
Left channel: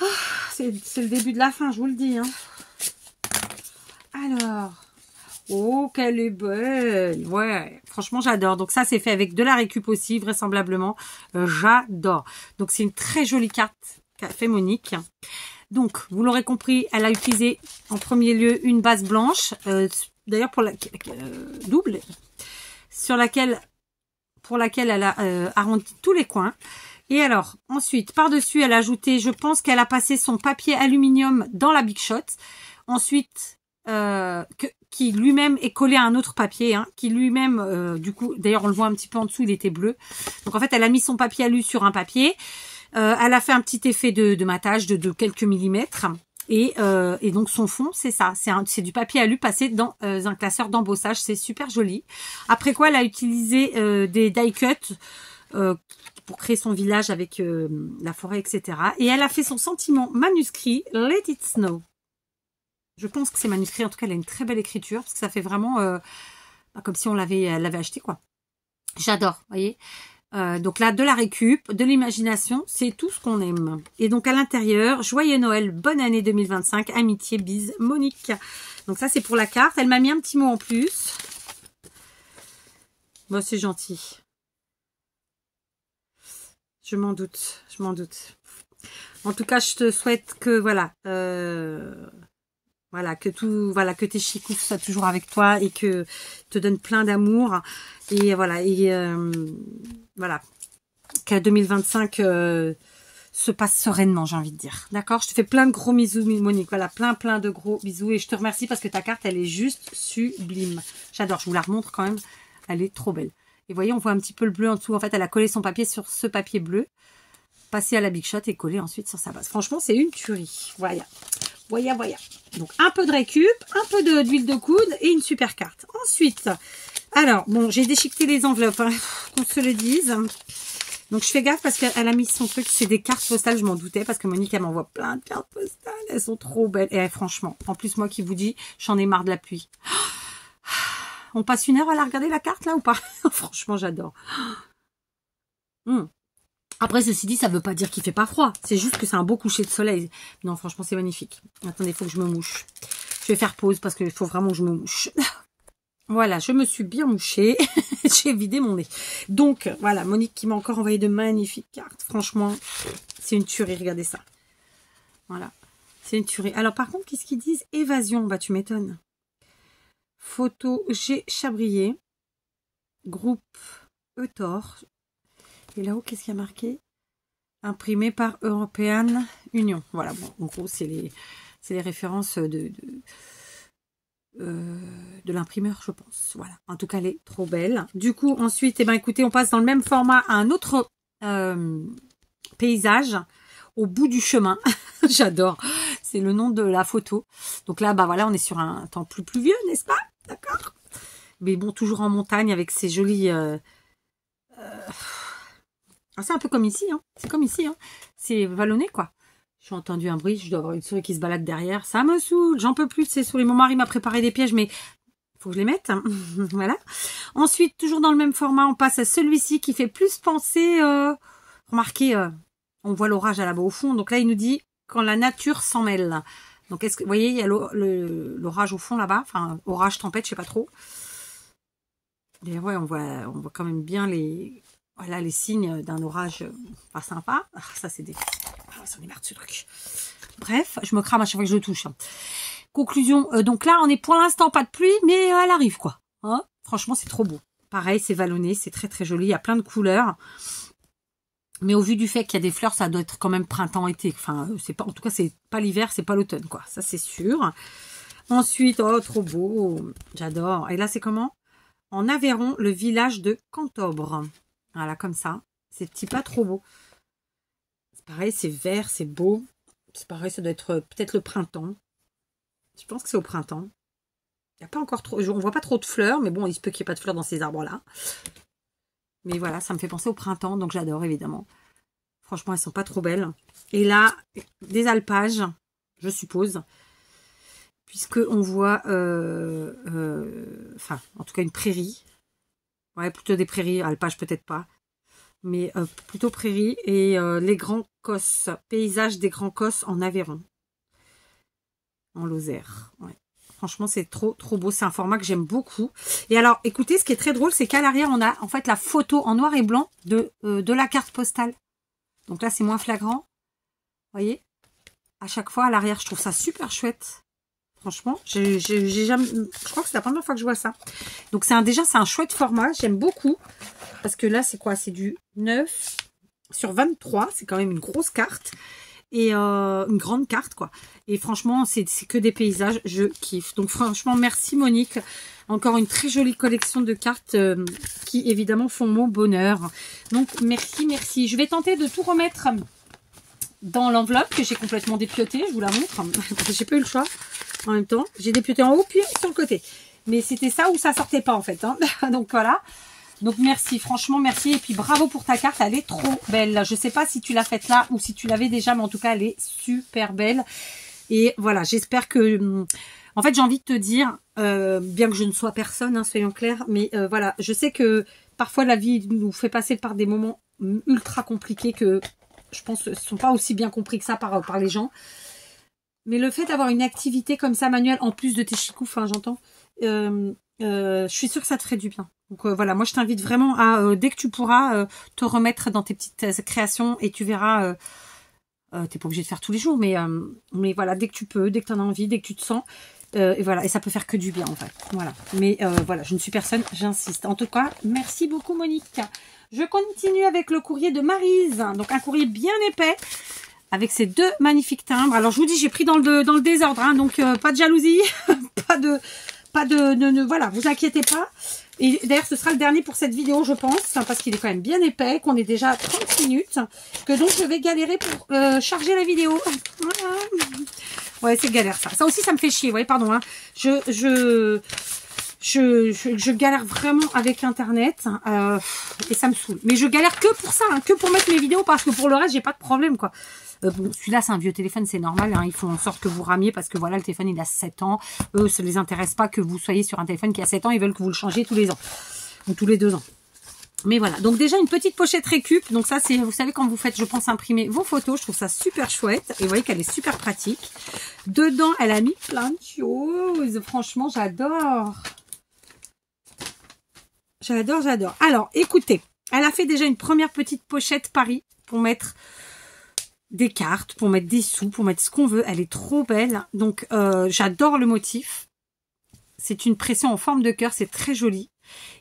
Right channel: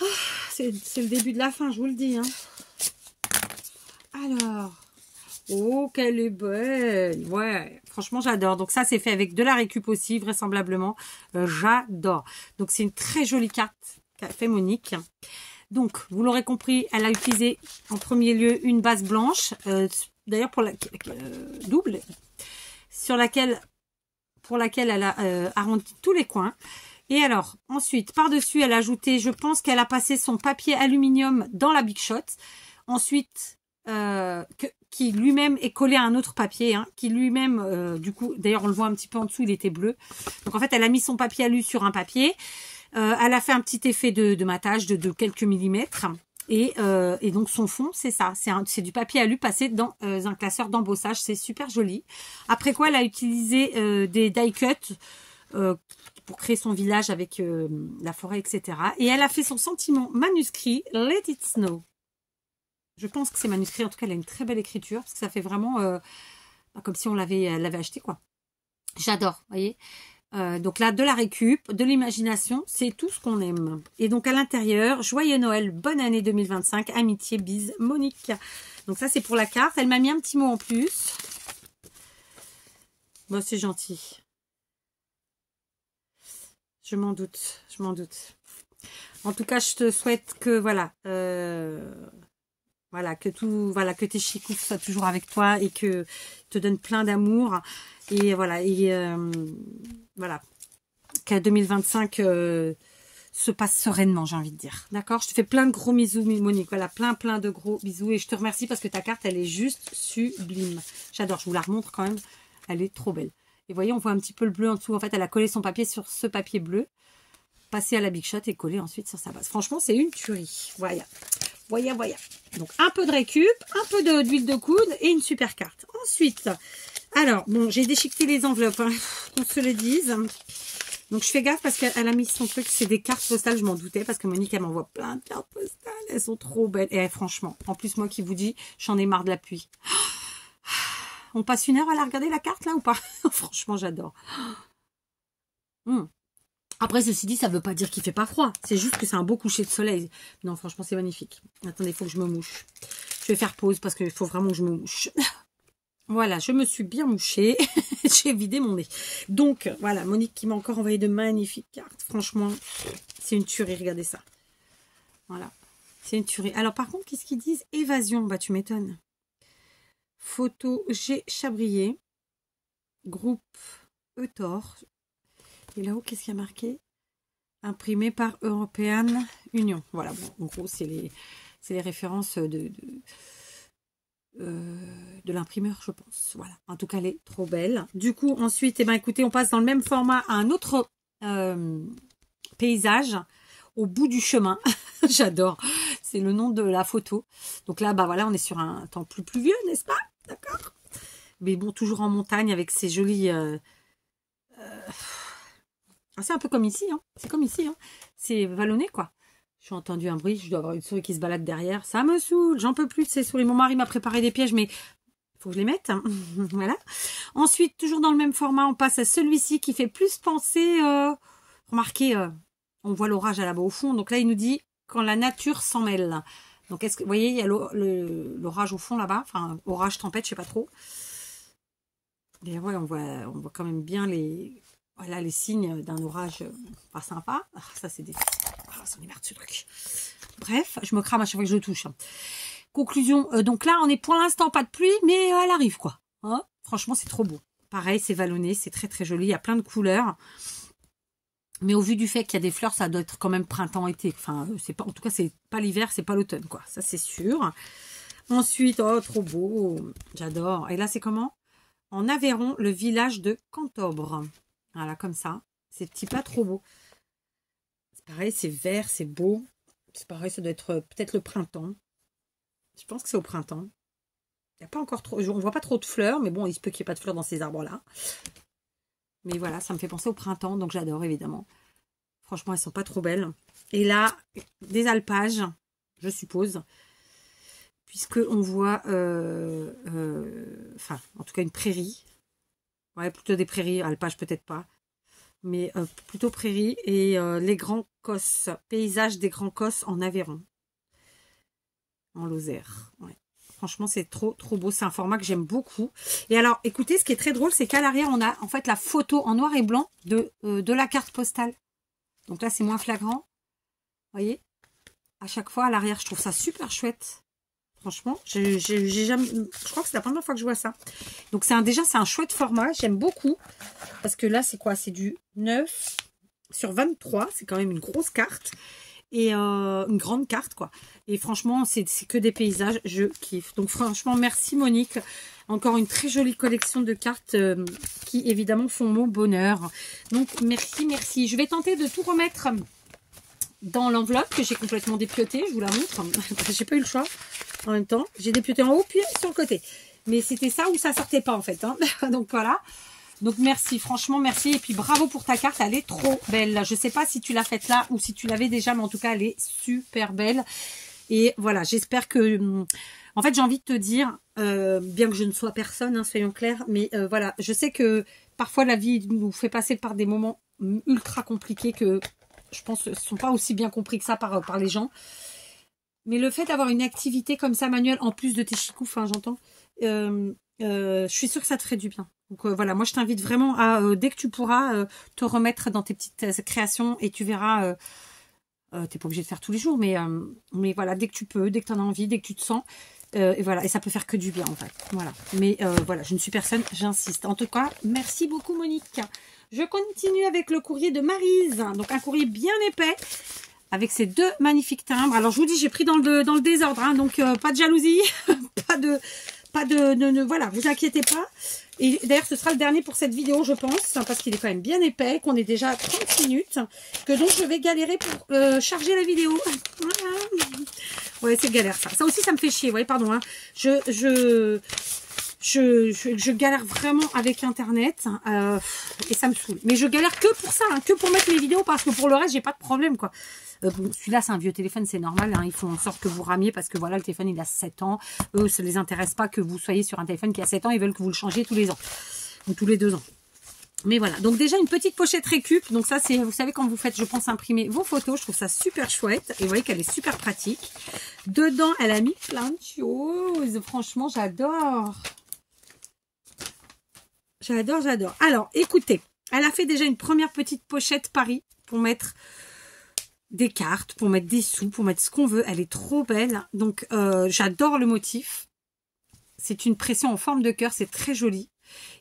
Ah, c'est le début de la fin, je vous le dis. Hein. Alors, oh, qu'elle est belle. Ouais, franchement, j'adore. Donc ça, c'est fait avec de la récup aussi, vraisemblablement. J'adore. Donc, c'est une très jolie carte qu'a fait Monique. Donc, vous l'aurez compris, elle a utilisé en premier lieu une base blanche. D'ailleurs, pour la double, pour laquelle elle a arrondi tous les coins. Et alors, ensuite, par-dessus, elle a ajouté, je pense qu'elle a passé son papier aluminium dans la Big Shot. Ensuite, qui lui-même est collé à un autre papier, hein, qui lui-même, du coup, d'ailleurs, on le voit un petit peu en dessous, il était bleu. Donc, en fait, elle a mis son papier alu sur un papier. Elle a fait un petit effet de matage de quelques millimètres. Et donc, son fond, c'est ça. C'est du papier alu passé dans un classeur d'embossage. C'est super joli. Après quoi, elle a utilisé des die cuts pour créer son village avec la forêt, etc. Et elle a fait son sentiment manuscrit, Let It Snow. Je pense que c'est manuscrit, en tout cas elle a une très belle écriture, parce que ça fait vraiment comme si on l'avait acheté, quoi. J'adore, vous voyez. Donc là, de la récup, de l'imagination, c'est tout ce qu'on aime. Et donc à l'intérieur, joyeux Noël, bonne année 2025, amitié, bise, Monique. Donc ça c'est pour la carte, elle m'a mis un petit mot en plus. Bon, c'est gentil. Je m'en doute, je m'en doute. En tout cas, je te souhaite que, voilà, que tes chicous soient toujours avec toi et que te donnent plein d'amour. Et voilà, que 2025 se passe sereinement, j'ai envie de dire. D'accord? Je te fais plein de gros bisous, Monique. Voilà, plein de gros bisous. Et je te remercie parce que ta carte, elle est juste sublime. J'adore, je vous la remontre quand même. Elle est trop belle. Et vous voyez, on voit un petit peu le bleu en dessous. En fait, elle a collé son papier sur ce papier bleu, passé à la Big Shot et collé ensuite sur sa base. Franchement, c'est une tuerie. Voilà. Donc, un peu de récup, un peu d'huile de coude et une super carte. Ensuite, alors, bon, j'ai déchiqueté les enveloppes, hein, qu'on se le dise. Donc, je fais gaffe parce qu'elle a mis son truc. C'est des cartes postales, je m'en doutais, parce que Monique, elle m'envoie plein de cartes postales. Elles sont trop belles. Et franchement, en plus, moi qui vous dis, j'en ai marre de la pluie. On passe une heure à la regarder la carte là ou pas? Franchement, j'adore. Après, ceci dit, ça ne veut pas dire qu'il fait pas froid. C'est juste que c'est un beau coucher de soleil. Non, franchement, c'est magnifique. Attendez, il faut que je me mouche. Je vais faire pause parce qu'il faut vraiment que je me mouche. Voilà, je me suis bien mouchée. J'ai vidé mon nez. Donc, voilà, Monique qui m'a encore envoyé de magnifiques cartes. Franchement, c'est une tuerie. Regardez ça. Voilà, c'est une tuerie. Alors, par contre, qu'est-ce qu'ils disent? Évasion. Bah, tu m'étonnes. Photo G. Chabrier, groupe Eutor. Et là-haut, qu'est-ce qu'il y a marqué? Imprimé par European Union. Voilà, bon, en gros, c'est les références de l'imprimeur, je pense. Voilà, en tout cas, elle est trop belle. Du coup, ensuite, eh ben, écoutez, on passe dans le même format à un autre paysage, au bout du chemin. J'adore. C'est le nom de la photo. Donc là, bah voilà, on est sur un temps plus pluvieux, n'est-ce pas? D'accord. Mais bon, toujours en montagne avec ces jolis... c'est un peu comme ici, hein. C'est comme ici, hein. C'est vallonné, quoi. J'ai entendu un bruit, je dois avoir une souris qui se balade derrière. Ça me saoule, j'en peux plus de ces souris. Mon mari m'a préparé des pièges, mais faut que je les mette. Hein. Voilà. Ensuite, toujours dans le même format, on passe à celui-ci qui fait plus penser... remarquez, on voit l'orage là-bas au fond. Donc là, il nous dit quand la nature s'en mêle. Donc, est-ce que vous voyez, il y a l'orage au fond là-bas. Enfin, orage, tempête, je sais pas trop. Et ouais, on voit quand même bien les signes d'un orage pas sympa. Ah, ça, c'est des... Ah, ça en est marre de ce truc. Bref, je me crame à chaque fois que je le touche. Conclusion, donc là, on est pour l'instant pas de pluie, mais elle arrive, quoi. Hein, franchement, c'est trop beau. Pareil, c'est vallonné, c'est très, très joli. Il y a plein de couleurs. Mais au vu du fait qu'il y a des fleurs, ça doit être quand même printemps-été. Enfin, c'est pas, en tout cas, c'est pas l'hiver, c'est pas l'automne, quoi. Ça, c'est sûr. Ensuite, oh, trop beau. J'adore. Et là, c'est comment? En Aveyron, le village de Cantobre. Voilà, comme ça. C'est petit pas trop beau. C'est pareil, c'est vert, c'est beau. C'est pareil, ça doit être peut-être le printemps. Je pense que c'est au printemps. Il n'y a pas encore trop... On voit pas trop de fleurs, mais bon, il se peut qu'il n'y ait pas de fleurs dans ces arbres-là. Mais voilà, ça me fait penser au printemps, donc j'adore, évidemment. Franchement, elles sont pas trop belles. Et là, des alpages, je suppose. Puisqu'on voit... enfin, en tout cas, une prairie. Ouais, plutôt des prairies. Alpages, peut-être pas. Mais plutôt prairie. Et les Grands Cosses. Paysage des Grands Cosses en Aveyron. En Lozère. Ouais. Franchement, c'est trop, trop beau. C'est un format que j'aime beaucoup. Et alors, écoutez, ce qui est très drôle, c'est qu'à l'arrière, on a en fait la photo en noir et blanc de la carte postale. Donc là, c'est moins flagrant. Vous voyez? À chaque fois, à l'arrière, je trouve ça super chouette. Franchement, j'ai jamais... Je crois que c'est la première fois que je vois ça. Donc, déjà, c'est un chouette format. J'aime beaucoup. Parce que là, c'est quoi? C'est du 9 sur 23. C'est quand même une grosse carte. Et une grande carte, quoi. Et franchement, c'est que des paysages. Je kiffe. Donc, franchement, merci Monique. Encore une très jolie collection de cartes qui, évidemment, font mon bonheur. Donc, merci, merci. Je vais tenter de tout remettre dans l'enveloppe que j'ai complètement dépiotée. Je vous la montre. J'ai pas eu le choix. En même temps, j'ai dépioté en haut puis sur le côté. Mais c'était ça ou ça sortait pas, en fait. Hein. Donc, voilà. Donc merci, franchement merci. Et puis bravo pour ta carte, elle est trop belle. Je sais pas si tu l'as faite là ou si tu l'avais déjà, mais en tout cas elle est super belle. Et voilà, j'espère que... En fait, j'ai envie de te dire, bien que je ne sois personne, hein, soyons clairs, mais voilà, je sais que parfois la vie nous fait passer par des moments ultra compliqués que je pense ne sont pas aussi bien compris que ça par les gens. Mais le fait d'avoir une activité comme ça manuelle, en plus de tes chicoufs, hein, j'entends, je suis sûre que ça te ferait du bien. Donc voilà, moi je t'invite vraiment à, dès que tu pourras, te remettre dans tes petites créations et tu verras, t'es pas obligé de faire tous les jours, mais voilà, dès que tu peux, dès que tu en as envie, dès que tu te sens, et voilà, et ça peut faire que du bien en fait. Voilà, mais voilà, je ne suis personne, j'insiste. En tout cas, merci beaucoup Monique. Je continue avec le courrier de Maryse, donc un courrier bien épais, avec ces deux magnifiques timbres. Alors je vous dis, j'ai pris dans le désordre, hein, donc pas de jalousie, pas de voilà, vous inquiétez pas. Et d'ailleurs, ce sera le dernier pour cette vidéo, je pense, hein, parce qu'il est quand même bien épais, qu'on est déjà à 30 minutes, que donc je vais galérer pour charger la vidéo. Voilà. Ouais, c'est galère ça. Ça aussi, ça me fait chier, ouais, pardon. Hein. Je galère vraiment avec Internet et ça me saoule. Mais je galère que pour ça, hein, que pour mettre mes vidéos, parce que pour le reste, j'ai pas de problème, quoi. Bon, celui-là, c'est un vieux téléphone, c'est normal. Hein, ils font en sorte que vous ramiez parce que voilà, le téléphone, il a 7 ans. Eux, ça ne les intéresse pas que vous soyez sur un téléphone qui a 7 ans. Ils veulent que vous le changez tous les ans ou tous les 2 ans. Mais voilà, donc déjà une petite pochette récup. Donc ça, c'est, vous savez, quand vous faites, je pense, imprimer vos photos, je trouve ça super chouette. Et vous voyez qu'elle est super pratique. Dedans, elle a mis plein de choses. Franchement, j'adore. J'adore, j'adore. Alors, écoutez, elle a fait déjà une première petite pochette Paris pour mettre des cartes, pour mettre des sous, pour mettre ce qu'on veut. Elle est trop belle. Donc, j'adore le motif. C'est une pression en forme de cœur. C'est très joli.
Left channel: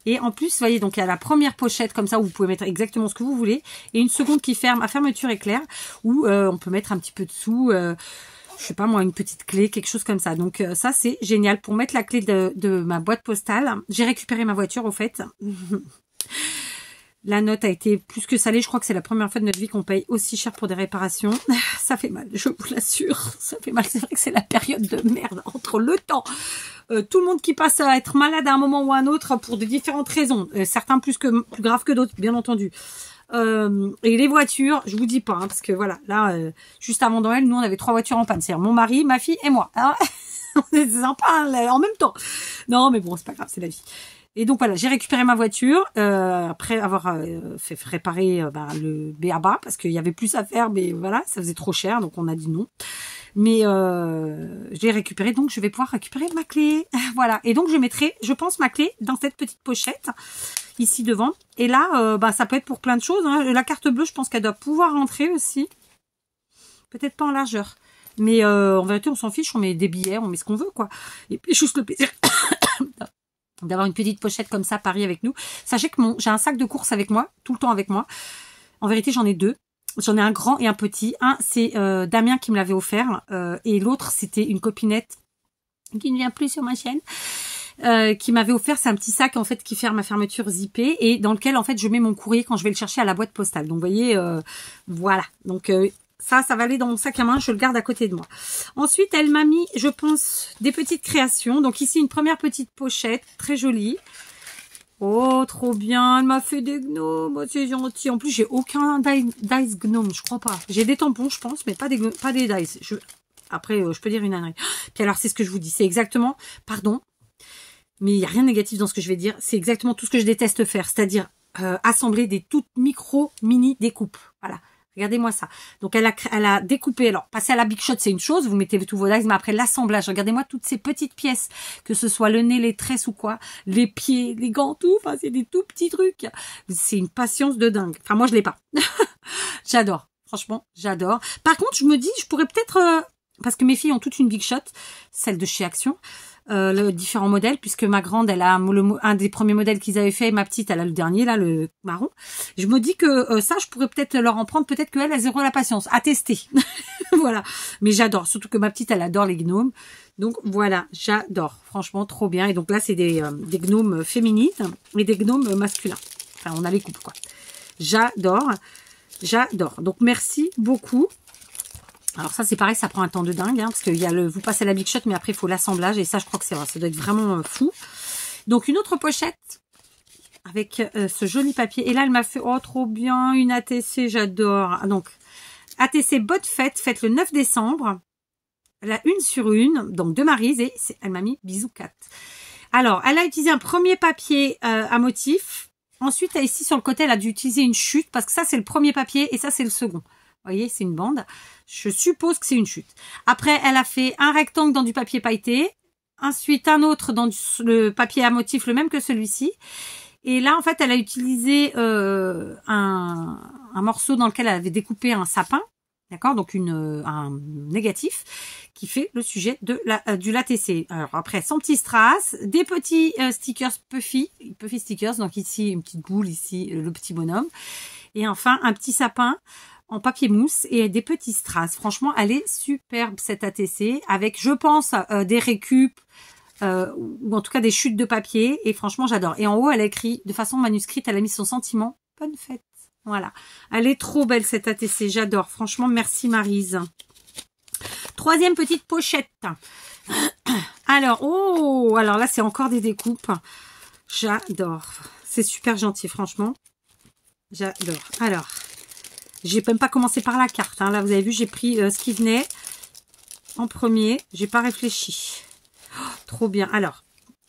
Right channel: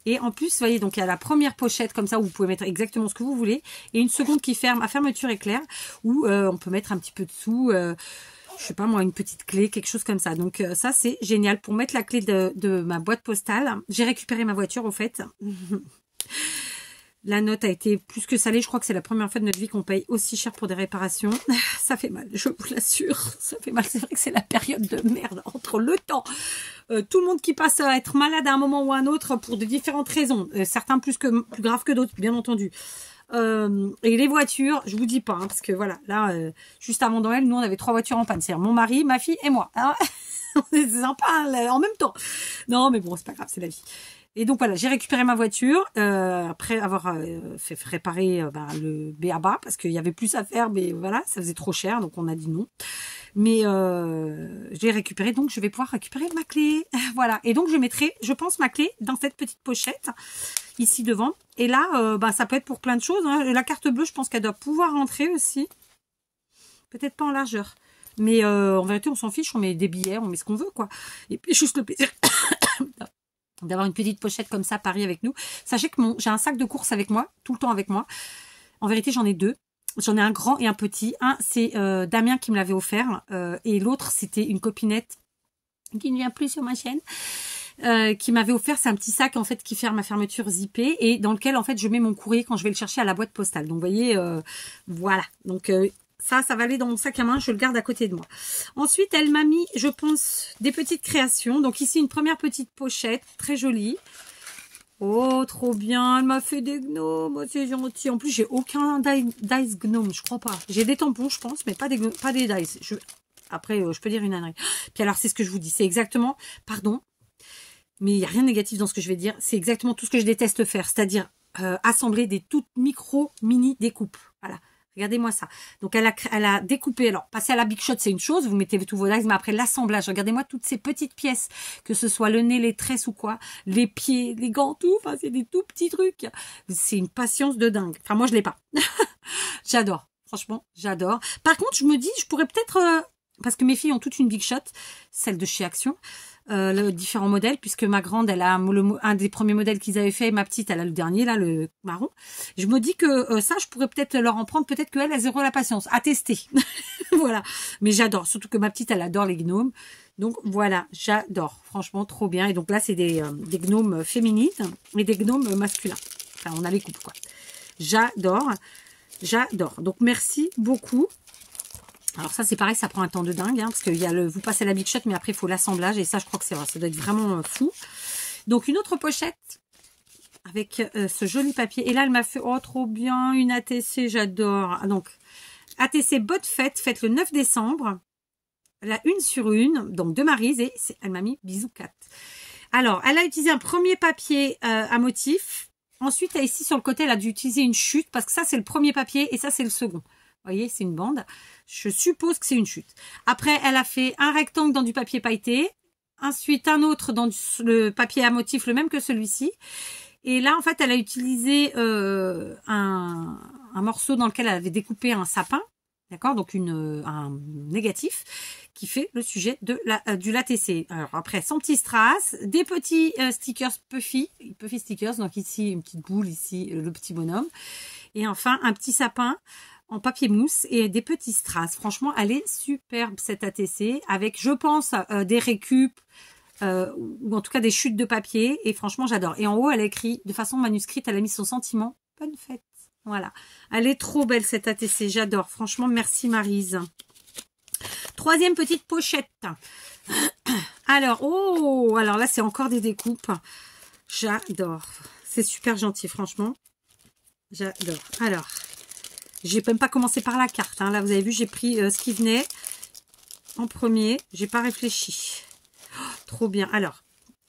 Et en plus, vous voyez, donc il y a la première pochette comme ça où vous pouvez mettre exactement ce que vous voulez. Et une seconde qui ferme à fermeture éclair où on peut mettre un petit peu de sous. Je sais pas moi, une petite clé, quelque chose comme ça. Donc ça, c'est génial. Pour mettre la clé de ma boîte postale, j'ai récupéré ma voiture, au fait. La note a été plus que salée. Je crois que c'est la première fois de notre vie qu'on paye aussi cher pour des réparations. Ça fait mal, je vous l'assure. Ça fait mal. C'est vrai que c'est la période de merde entre le temps. Tout le monde qui passe à être malade à un moment ou à un autre pour de différentes raisons. Certains plus graves que d'autres, bien entendu. Et les voitures, je vous dis pas, hein, parce que voilà, là, juste avant Noël, nous on avait 3 voitures en panne. C'est-à-dire mon mari, ma fille et moi. Hein. C'est sympa hein, en même temps. Non, mais bon, c'est pas grave, c'est la vie. Et donc voilà, j'ai récupéré ma voiture après avoir fait réparer le B.A.B.A. parce qu'il y avait plus à faire, mais voilà, ça faisait trop cher, donc on a dit non. Mais je l'ai récupéré, donc je vais pouvoir récupérer ma clé. Voilà, et donc je mettrai, je pense, ma clé dans cette petite pochette ici devant. Et là, ça peut être pour plein de choses. Hein. La carte bleue, je pense qu'elle doit pouvoir rentrer aussi. Peut-être pas en largeur. Mais en vérité, on s'en fiche, on met des billets, on met ce qu'on veut, quoi. Et puis juste le plaisir d'avoir une petite pochette comme ça, Paris avec nous. Sachez que j'ai un sac de course avec moi, tout le temps avec moi. En vérité, j'en ai 2. J'en ai un grand et un petit. Un, c'est Damien qui me l'avait offert. Et l'autre, c'était une copinette qui ne vient plus sur ma chaîne. Qui m'avait offert, c'est un petit sac en fait qui ferme à fermeture zippée et dans lequel en fait je mets mon courrier quand je vais le chercher à la boîte postale. Donc vous voyez, voilà. Donc ça va aller dans mon sac à main, je le garde à côté de moi. Ensuite, elle m'a mis, je pense, des petites créations. Donc ici, une première petite pochette, très jolie. Oh, trop bien, elle m'a fait des gnomes, oh, c'est gentil. En plus, j'ai aucun dice gnome, je crois pas. J'ai des tampons, je pense, mais pas des dice. Après, je peux dire une ânerie. Puis alors, c'est ce que je vous dis, c'est exactement, pardon, mais il n'y a rien de négatif dans ce que je vais dire. C'est exactement tout ce que je déteste faire, c'est-à-dire assembler des toutes mini découpes. Voilà. Regardez-moi ça. Donc, elle a découpé. Alors, passer à la Big Shot, c'est une chose. Vous mettez tous vos dice, mais après, l'assemblage. Regardez-moi toutes ces petites pièces. Que ce soit le nez, les tresses ou quoi. Les pieds, les gants, tout. Enfin, c'est des tout petits trucs. C'est une patience de dingue. Enfin, moi, je l'ai pas. J'adore. Franchement, j'adore. Par contre, je me dis, je pourrais peut-être... parce que mes filles ont toutes une Big Shot. Celle de chez Action. Différents modèles, puisque ma grande, elle a un des premiers modèles qu'ils avaient fait, ma petite, elle a le dernier, là, le marron. Je me dis que ça, je pourrais peut-être leur en prendre, peut-être qu'elle, elles auront la patience à tester. Voilà. Mais j'adore, surtout que ma petite, elle adore les gnomes. Donc voilà, j'adore. Franchement, trop bien. Et donc là, c'est des gnomes féminines et des gnomes masculins. Enfin, on a les couples, quoi. J'adore. J'adore. Donc merci beaucoup. Alors ça, c'est pareil, ça prend un temps de dingue, hein, parce qu'il y a vous passez la Big Shot, mais après, il faut l'assemblage. Et ça, je crois que c'est vrai, ça doit être vraiment fou. Donc, une autre pochette avec ce joli papier. Et là, elle m'a fait, oh, trop bien, une ATC, j'adore. Donc, ATC Bonne Fête, fête le 9 décembre. La 1 sur 1, donc de Maryse, et elle m'a mis bisous 4. Alors, elle a utilisé un premier papier à motif. Ensuite, ici, sur le côté, elle a dû utiliser une chute, parce que ça, c'est le premier papier, et ça, c'est le second. Vous voyez, c'est une bande. Je suppose que c'est une chute. Après, elle a fait un rectangle dans du papier pailleté. Ensuite, un autre dans le papier à motif, le même que celui-ci. Et là, en fait, elle a utilisé un morceau dans lequel elle avait découpé un sapin. D'accord? Donc, un négatif qui fait le sujet du LATC. Alors, après, son petit strass, des petits stickers Puffy stickers. Donc, ici, une petite boule, ici, le petit bonhomme. Et enfin, un petit sapin en papier mousse et des petits strass. Franchement, elle est superbe, cette ATC, avec, je pense, des récup, ou en tout cas des chutes de papier. Et franchement, j'adore. Et en haut, elle a écrit, de façon manuscrite, elle a mis son sentiment. Bonne fête. Voilà. Elle est trop belle, cette ATC. J'adore. Franchement, merci Maryse. Troisième petite pochette. Alors, oh, alors là, c'est encore des découpes. J'adore. C'est super gentil, franchement. J'adore. Alors, j'ai même pas commencé par la carte. Hein. Là, vous avez vu, j'ai pris ce qui venait en premier. J'ai pas réfléchi. Oh, trop bien. Alors,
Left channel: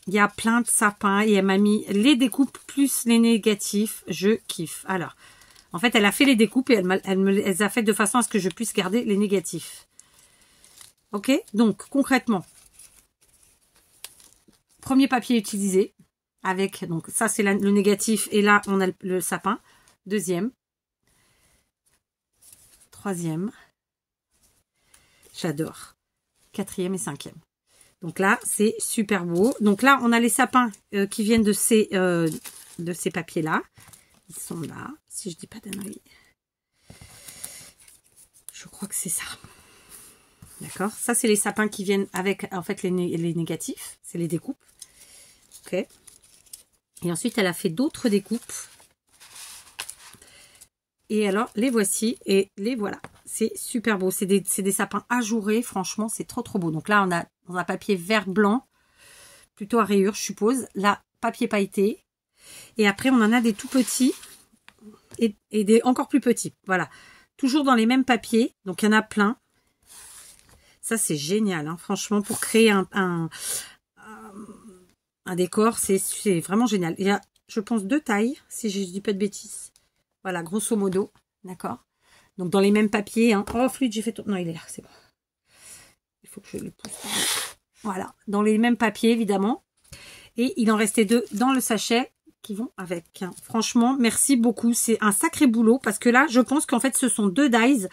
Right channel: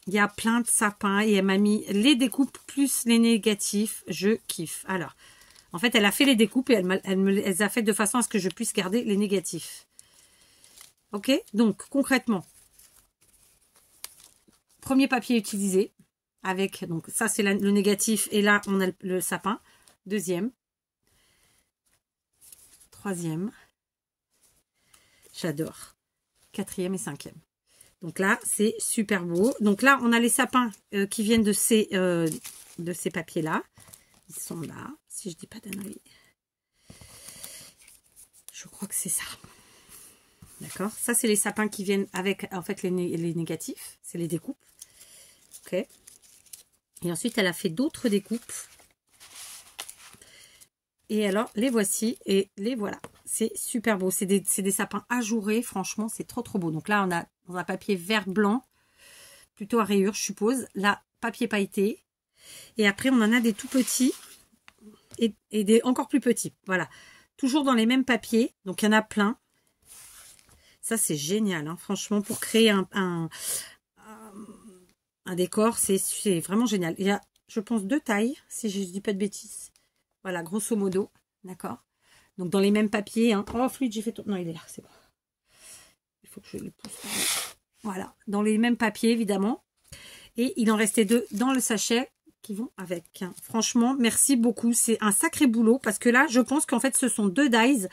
il y a plein de sapins et elle m'a mis les découpes plus les négatifs. Je kiffe. Alors, en fait, elle a fait les découpes et elle me les a fait de façon à ce que je puisse garder les négatifs. Ok, donc concrètement, premier papier utilisé avec, donc ça c'est le négatif et là on a le sapin. Deuxième, troisième, j'adore, quatrième et cinquième. Donc là c'est super beau. Donc là on a les sapins qui viennent de ces papiers là. Ils sont là, si je dis pas d'annerie. Je crois que c'est ça. D'accord. Ça, c'est les sapins qui viennent avec, en fait, les négatifs. C'est les découpes. Ok. Et ensuite, elle a fait d'autres découpes. Et alors, les voici et les voilà. C'est super beau. C'est des sapins ajourés. Franchement, c'est trop, trop beau. Donc là, on a dans un papier vert-blanc. Plutôt à rayures, je suppose. Là, papier pailleté. Et après, on en a des tout petits et des encore plus petits. Voilà. Toujours dans les mêmes papiers. Donc, il y en a plein. Ça, c'est génial. Hein. Franchement, pour créer un décor, c'est vraiment génial. Il y a, je pense, 2 tailles, si je ne dis pas de bêtises. Voilà, grosso modo. D'accord. Donc, dans les mêmes papiers. Hein. Oh, fluide, j'ai fait tout. Non, il est là, c'est bon. Il faut que je le pousse. Voilà. Dans les mêmes papiers, évidemment. Et il en restait 2 dans le sachet qui vont avec. Franchement, merci beaucoup. C'est un sacré boulot parce que là, je pense qu'en fait, ce sont 2 dies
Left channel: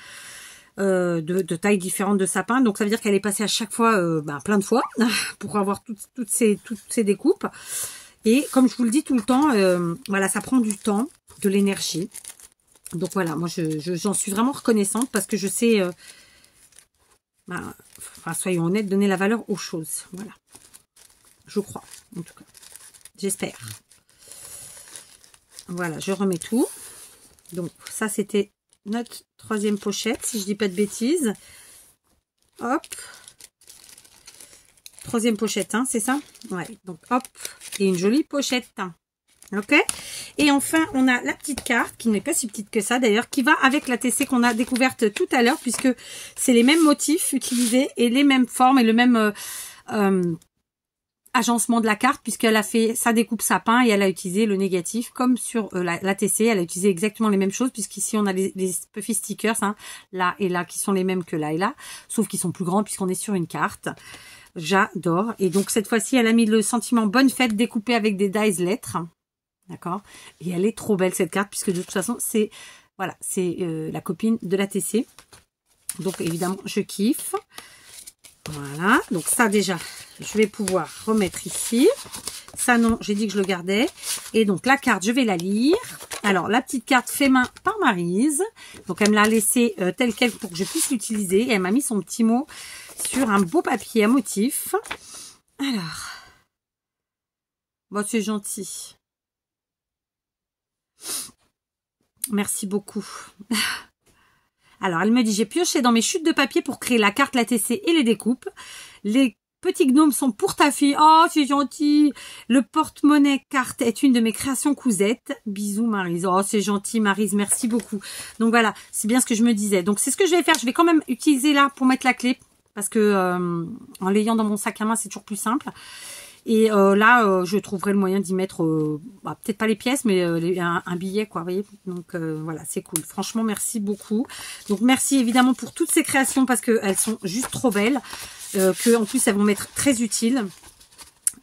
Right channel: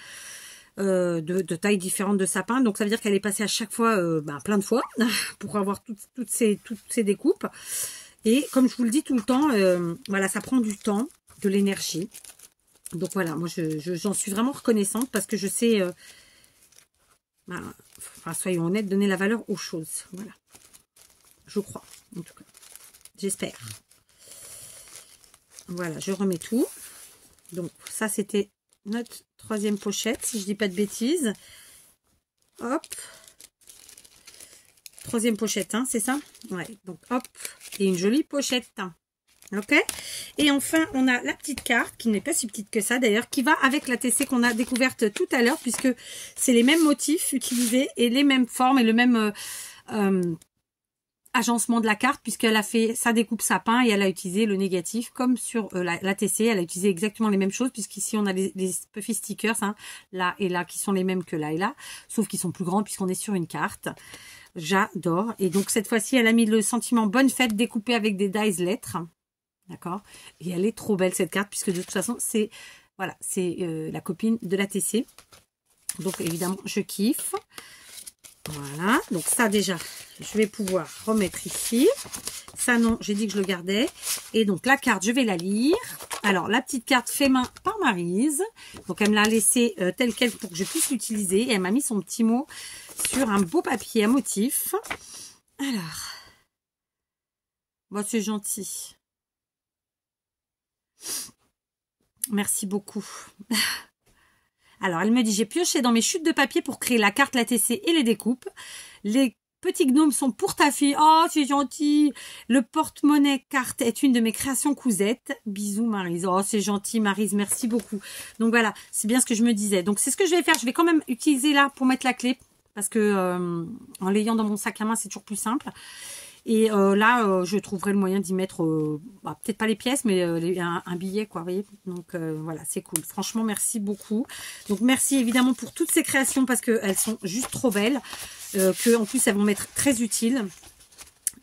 de tailles différentes de sapin. Donc, ça veut dire qu'elle est passée à chaque fois plein de fois pour avoir toutes ces découpes. Et comme je vous le dis tout le temps, voilà, ça prend du temps, de l'énergie. Donc, voilà, moi, j'en suis vraiment reconnaissante parce que je sais, enfin, soyons honnêtes, donner la valeur aux choses. Voilà. Je crois, en tout cas. J'espère. Voilà, je remets tout. Donc, ça, c'était notre 3e pochette, si je dis pas de bêtises. Hop. 3e pochette, hein, c'est ça? Ouais, donc hop. Et une jolie pochette. Ok? Et enfin, on a la petite carte, qui n'est pas si petite que ça d'ailleurs, qui va avec la TC qu'on a découverte tout à l'heure, puisque c'est les mêmes motifs utilisés et les mêmes formes et le même agencement de la carte, puisqu'elle a fait sa découpe sapin et elle a utilisé le négatif comme sur la TC. Elle a utilisé exactement les mêmes choses, puisqu'ici on a les Puffy stickers, hein, là et là, qui sont les mêmes que là et là, sauf qu'ils sont plus grands puisqu'on est sur une carte. J'adore. Et donc cette fois-ci, elle a mis le sentiment bonne fête découpé avec des dies lettres. D'accord. Et elle est trop belle cette carte, puisque de toute façon, c'est voilà, c'est la copine de la TC. Donc évidemment, je kiffe. Voilà, donc ça déjà, je vais pouvoir remettre ici. Ça non, j'ai dit que je le gardais. Et donc la carte, je vais la lire. Alors la petite carte fait main par Maryse. Donc elle me l'a laissée telle quelle pour que je puisse l'utiliser. Et elle m'a mis son petit mot sur un beau papier à motif. Alors, bon, c'est gentil. Merci beaucoup. Alors, elle me dit, j'ai pioché dans mes chutes de papier pour créer la carte, la TC et les découpes. Les petits gnomes sont pour ta fille. Oh, c'est gentil. Le porte-monnaie carte est une de mes créations cousettes. Bisous Maryse. Oh, c'est gentil Maryse, merci beaucoup. Donc voilà, c'est bien ce que je me disais. Donc c'est ce que je vais faire. Je vais quand même utiliser là pour mettre la clé. Parce que en l'ayant dans mon sac à main, c'est toujours plus simple. Et là, je trouverai le moyen d'y mettre, peut-être pas les pièces, mais un billet, quoi, vous voyez. Donc voilà, c'est cool. Franchement, merci beaucoup. Donc merci évidemment pour toutes ces créations parce qu'elles sont juste trop belles. Que en plus, elles vont m'être très utiles.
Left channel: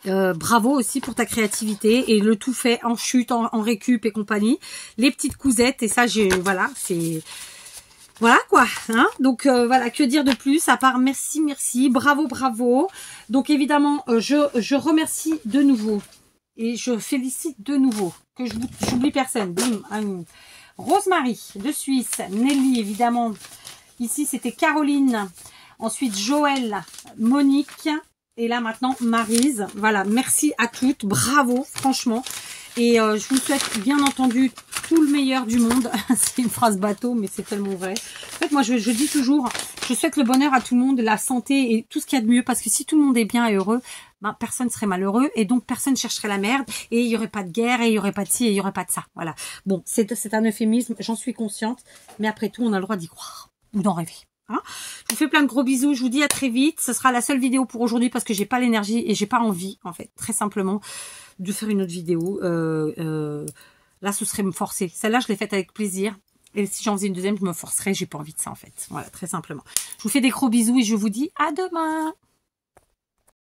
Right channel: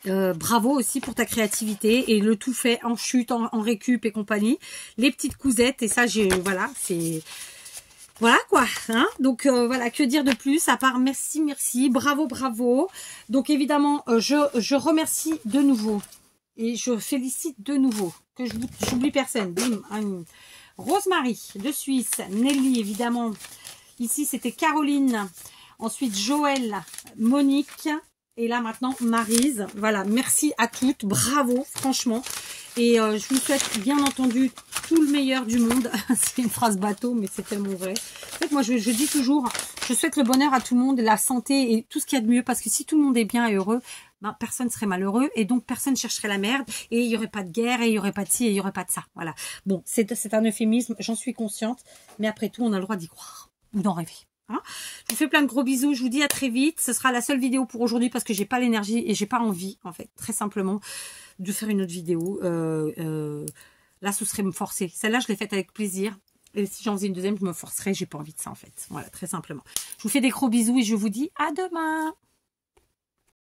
Bravo aussi pour ta créativité et le tout fait en chute, en récup et compagnie. Les petites cousettes et ça, voilà, c'est... Voilà quoi, hein. Donc voilà, que dire de plus à part merci, merci, bravo, bravo. Donc évidemment, je remercie de nouveau et je félicite de nouveau, que j'oublie personne. Bim, Rosemary de Suisse, Nelly évidemment, ici c'était Caroline, ensuite Joël, Monique et là maintenant Maryse. Voilà, merci à toutes, bravo franchement. Et je vous souhaite bien entendu tout le meilleur du monde. C'est une phrase bateau, mais c'est tellement vrai. En fait, moi, je dis toujours, je souhaite le bonheur à tout le monde, la santé et tout ce qu'il y a de mieux. Parce que si tout le monde est bien et heureux, ben, personne serait malheureux. Et donc, personne chercherait la merde. Et il n'y aurait pas de guerre, et il n'y aurait pas de ci, et il n'y aurait pas de ça. Voilà. Bon, c'est un euphémisme, j'en suis consciente. Mais après tout, on a le droit d'y croire. Ou d'en rêver. Hein, je vous fais plein de gros bisous. Je vous dis à très vite. Ce sera la seule vidéo pour aujourd'hui parce que j'ai pas l'énergie et j'ai pas envie, en fait, très simplement, de faire une autre vidéo. Là, ce serait me forcer. Celle-là, je l'ai faite avec plaisir. Et si j'en faisais une deuxième, je me forcerais. J'ai pas envie de ça, en fait. Voilà, très simplement. Je vous fais des gros bisous et je vous dis à demain.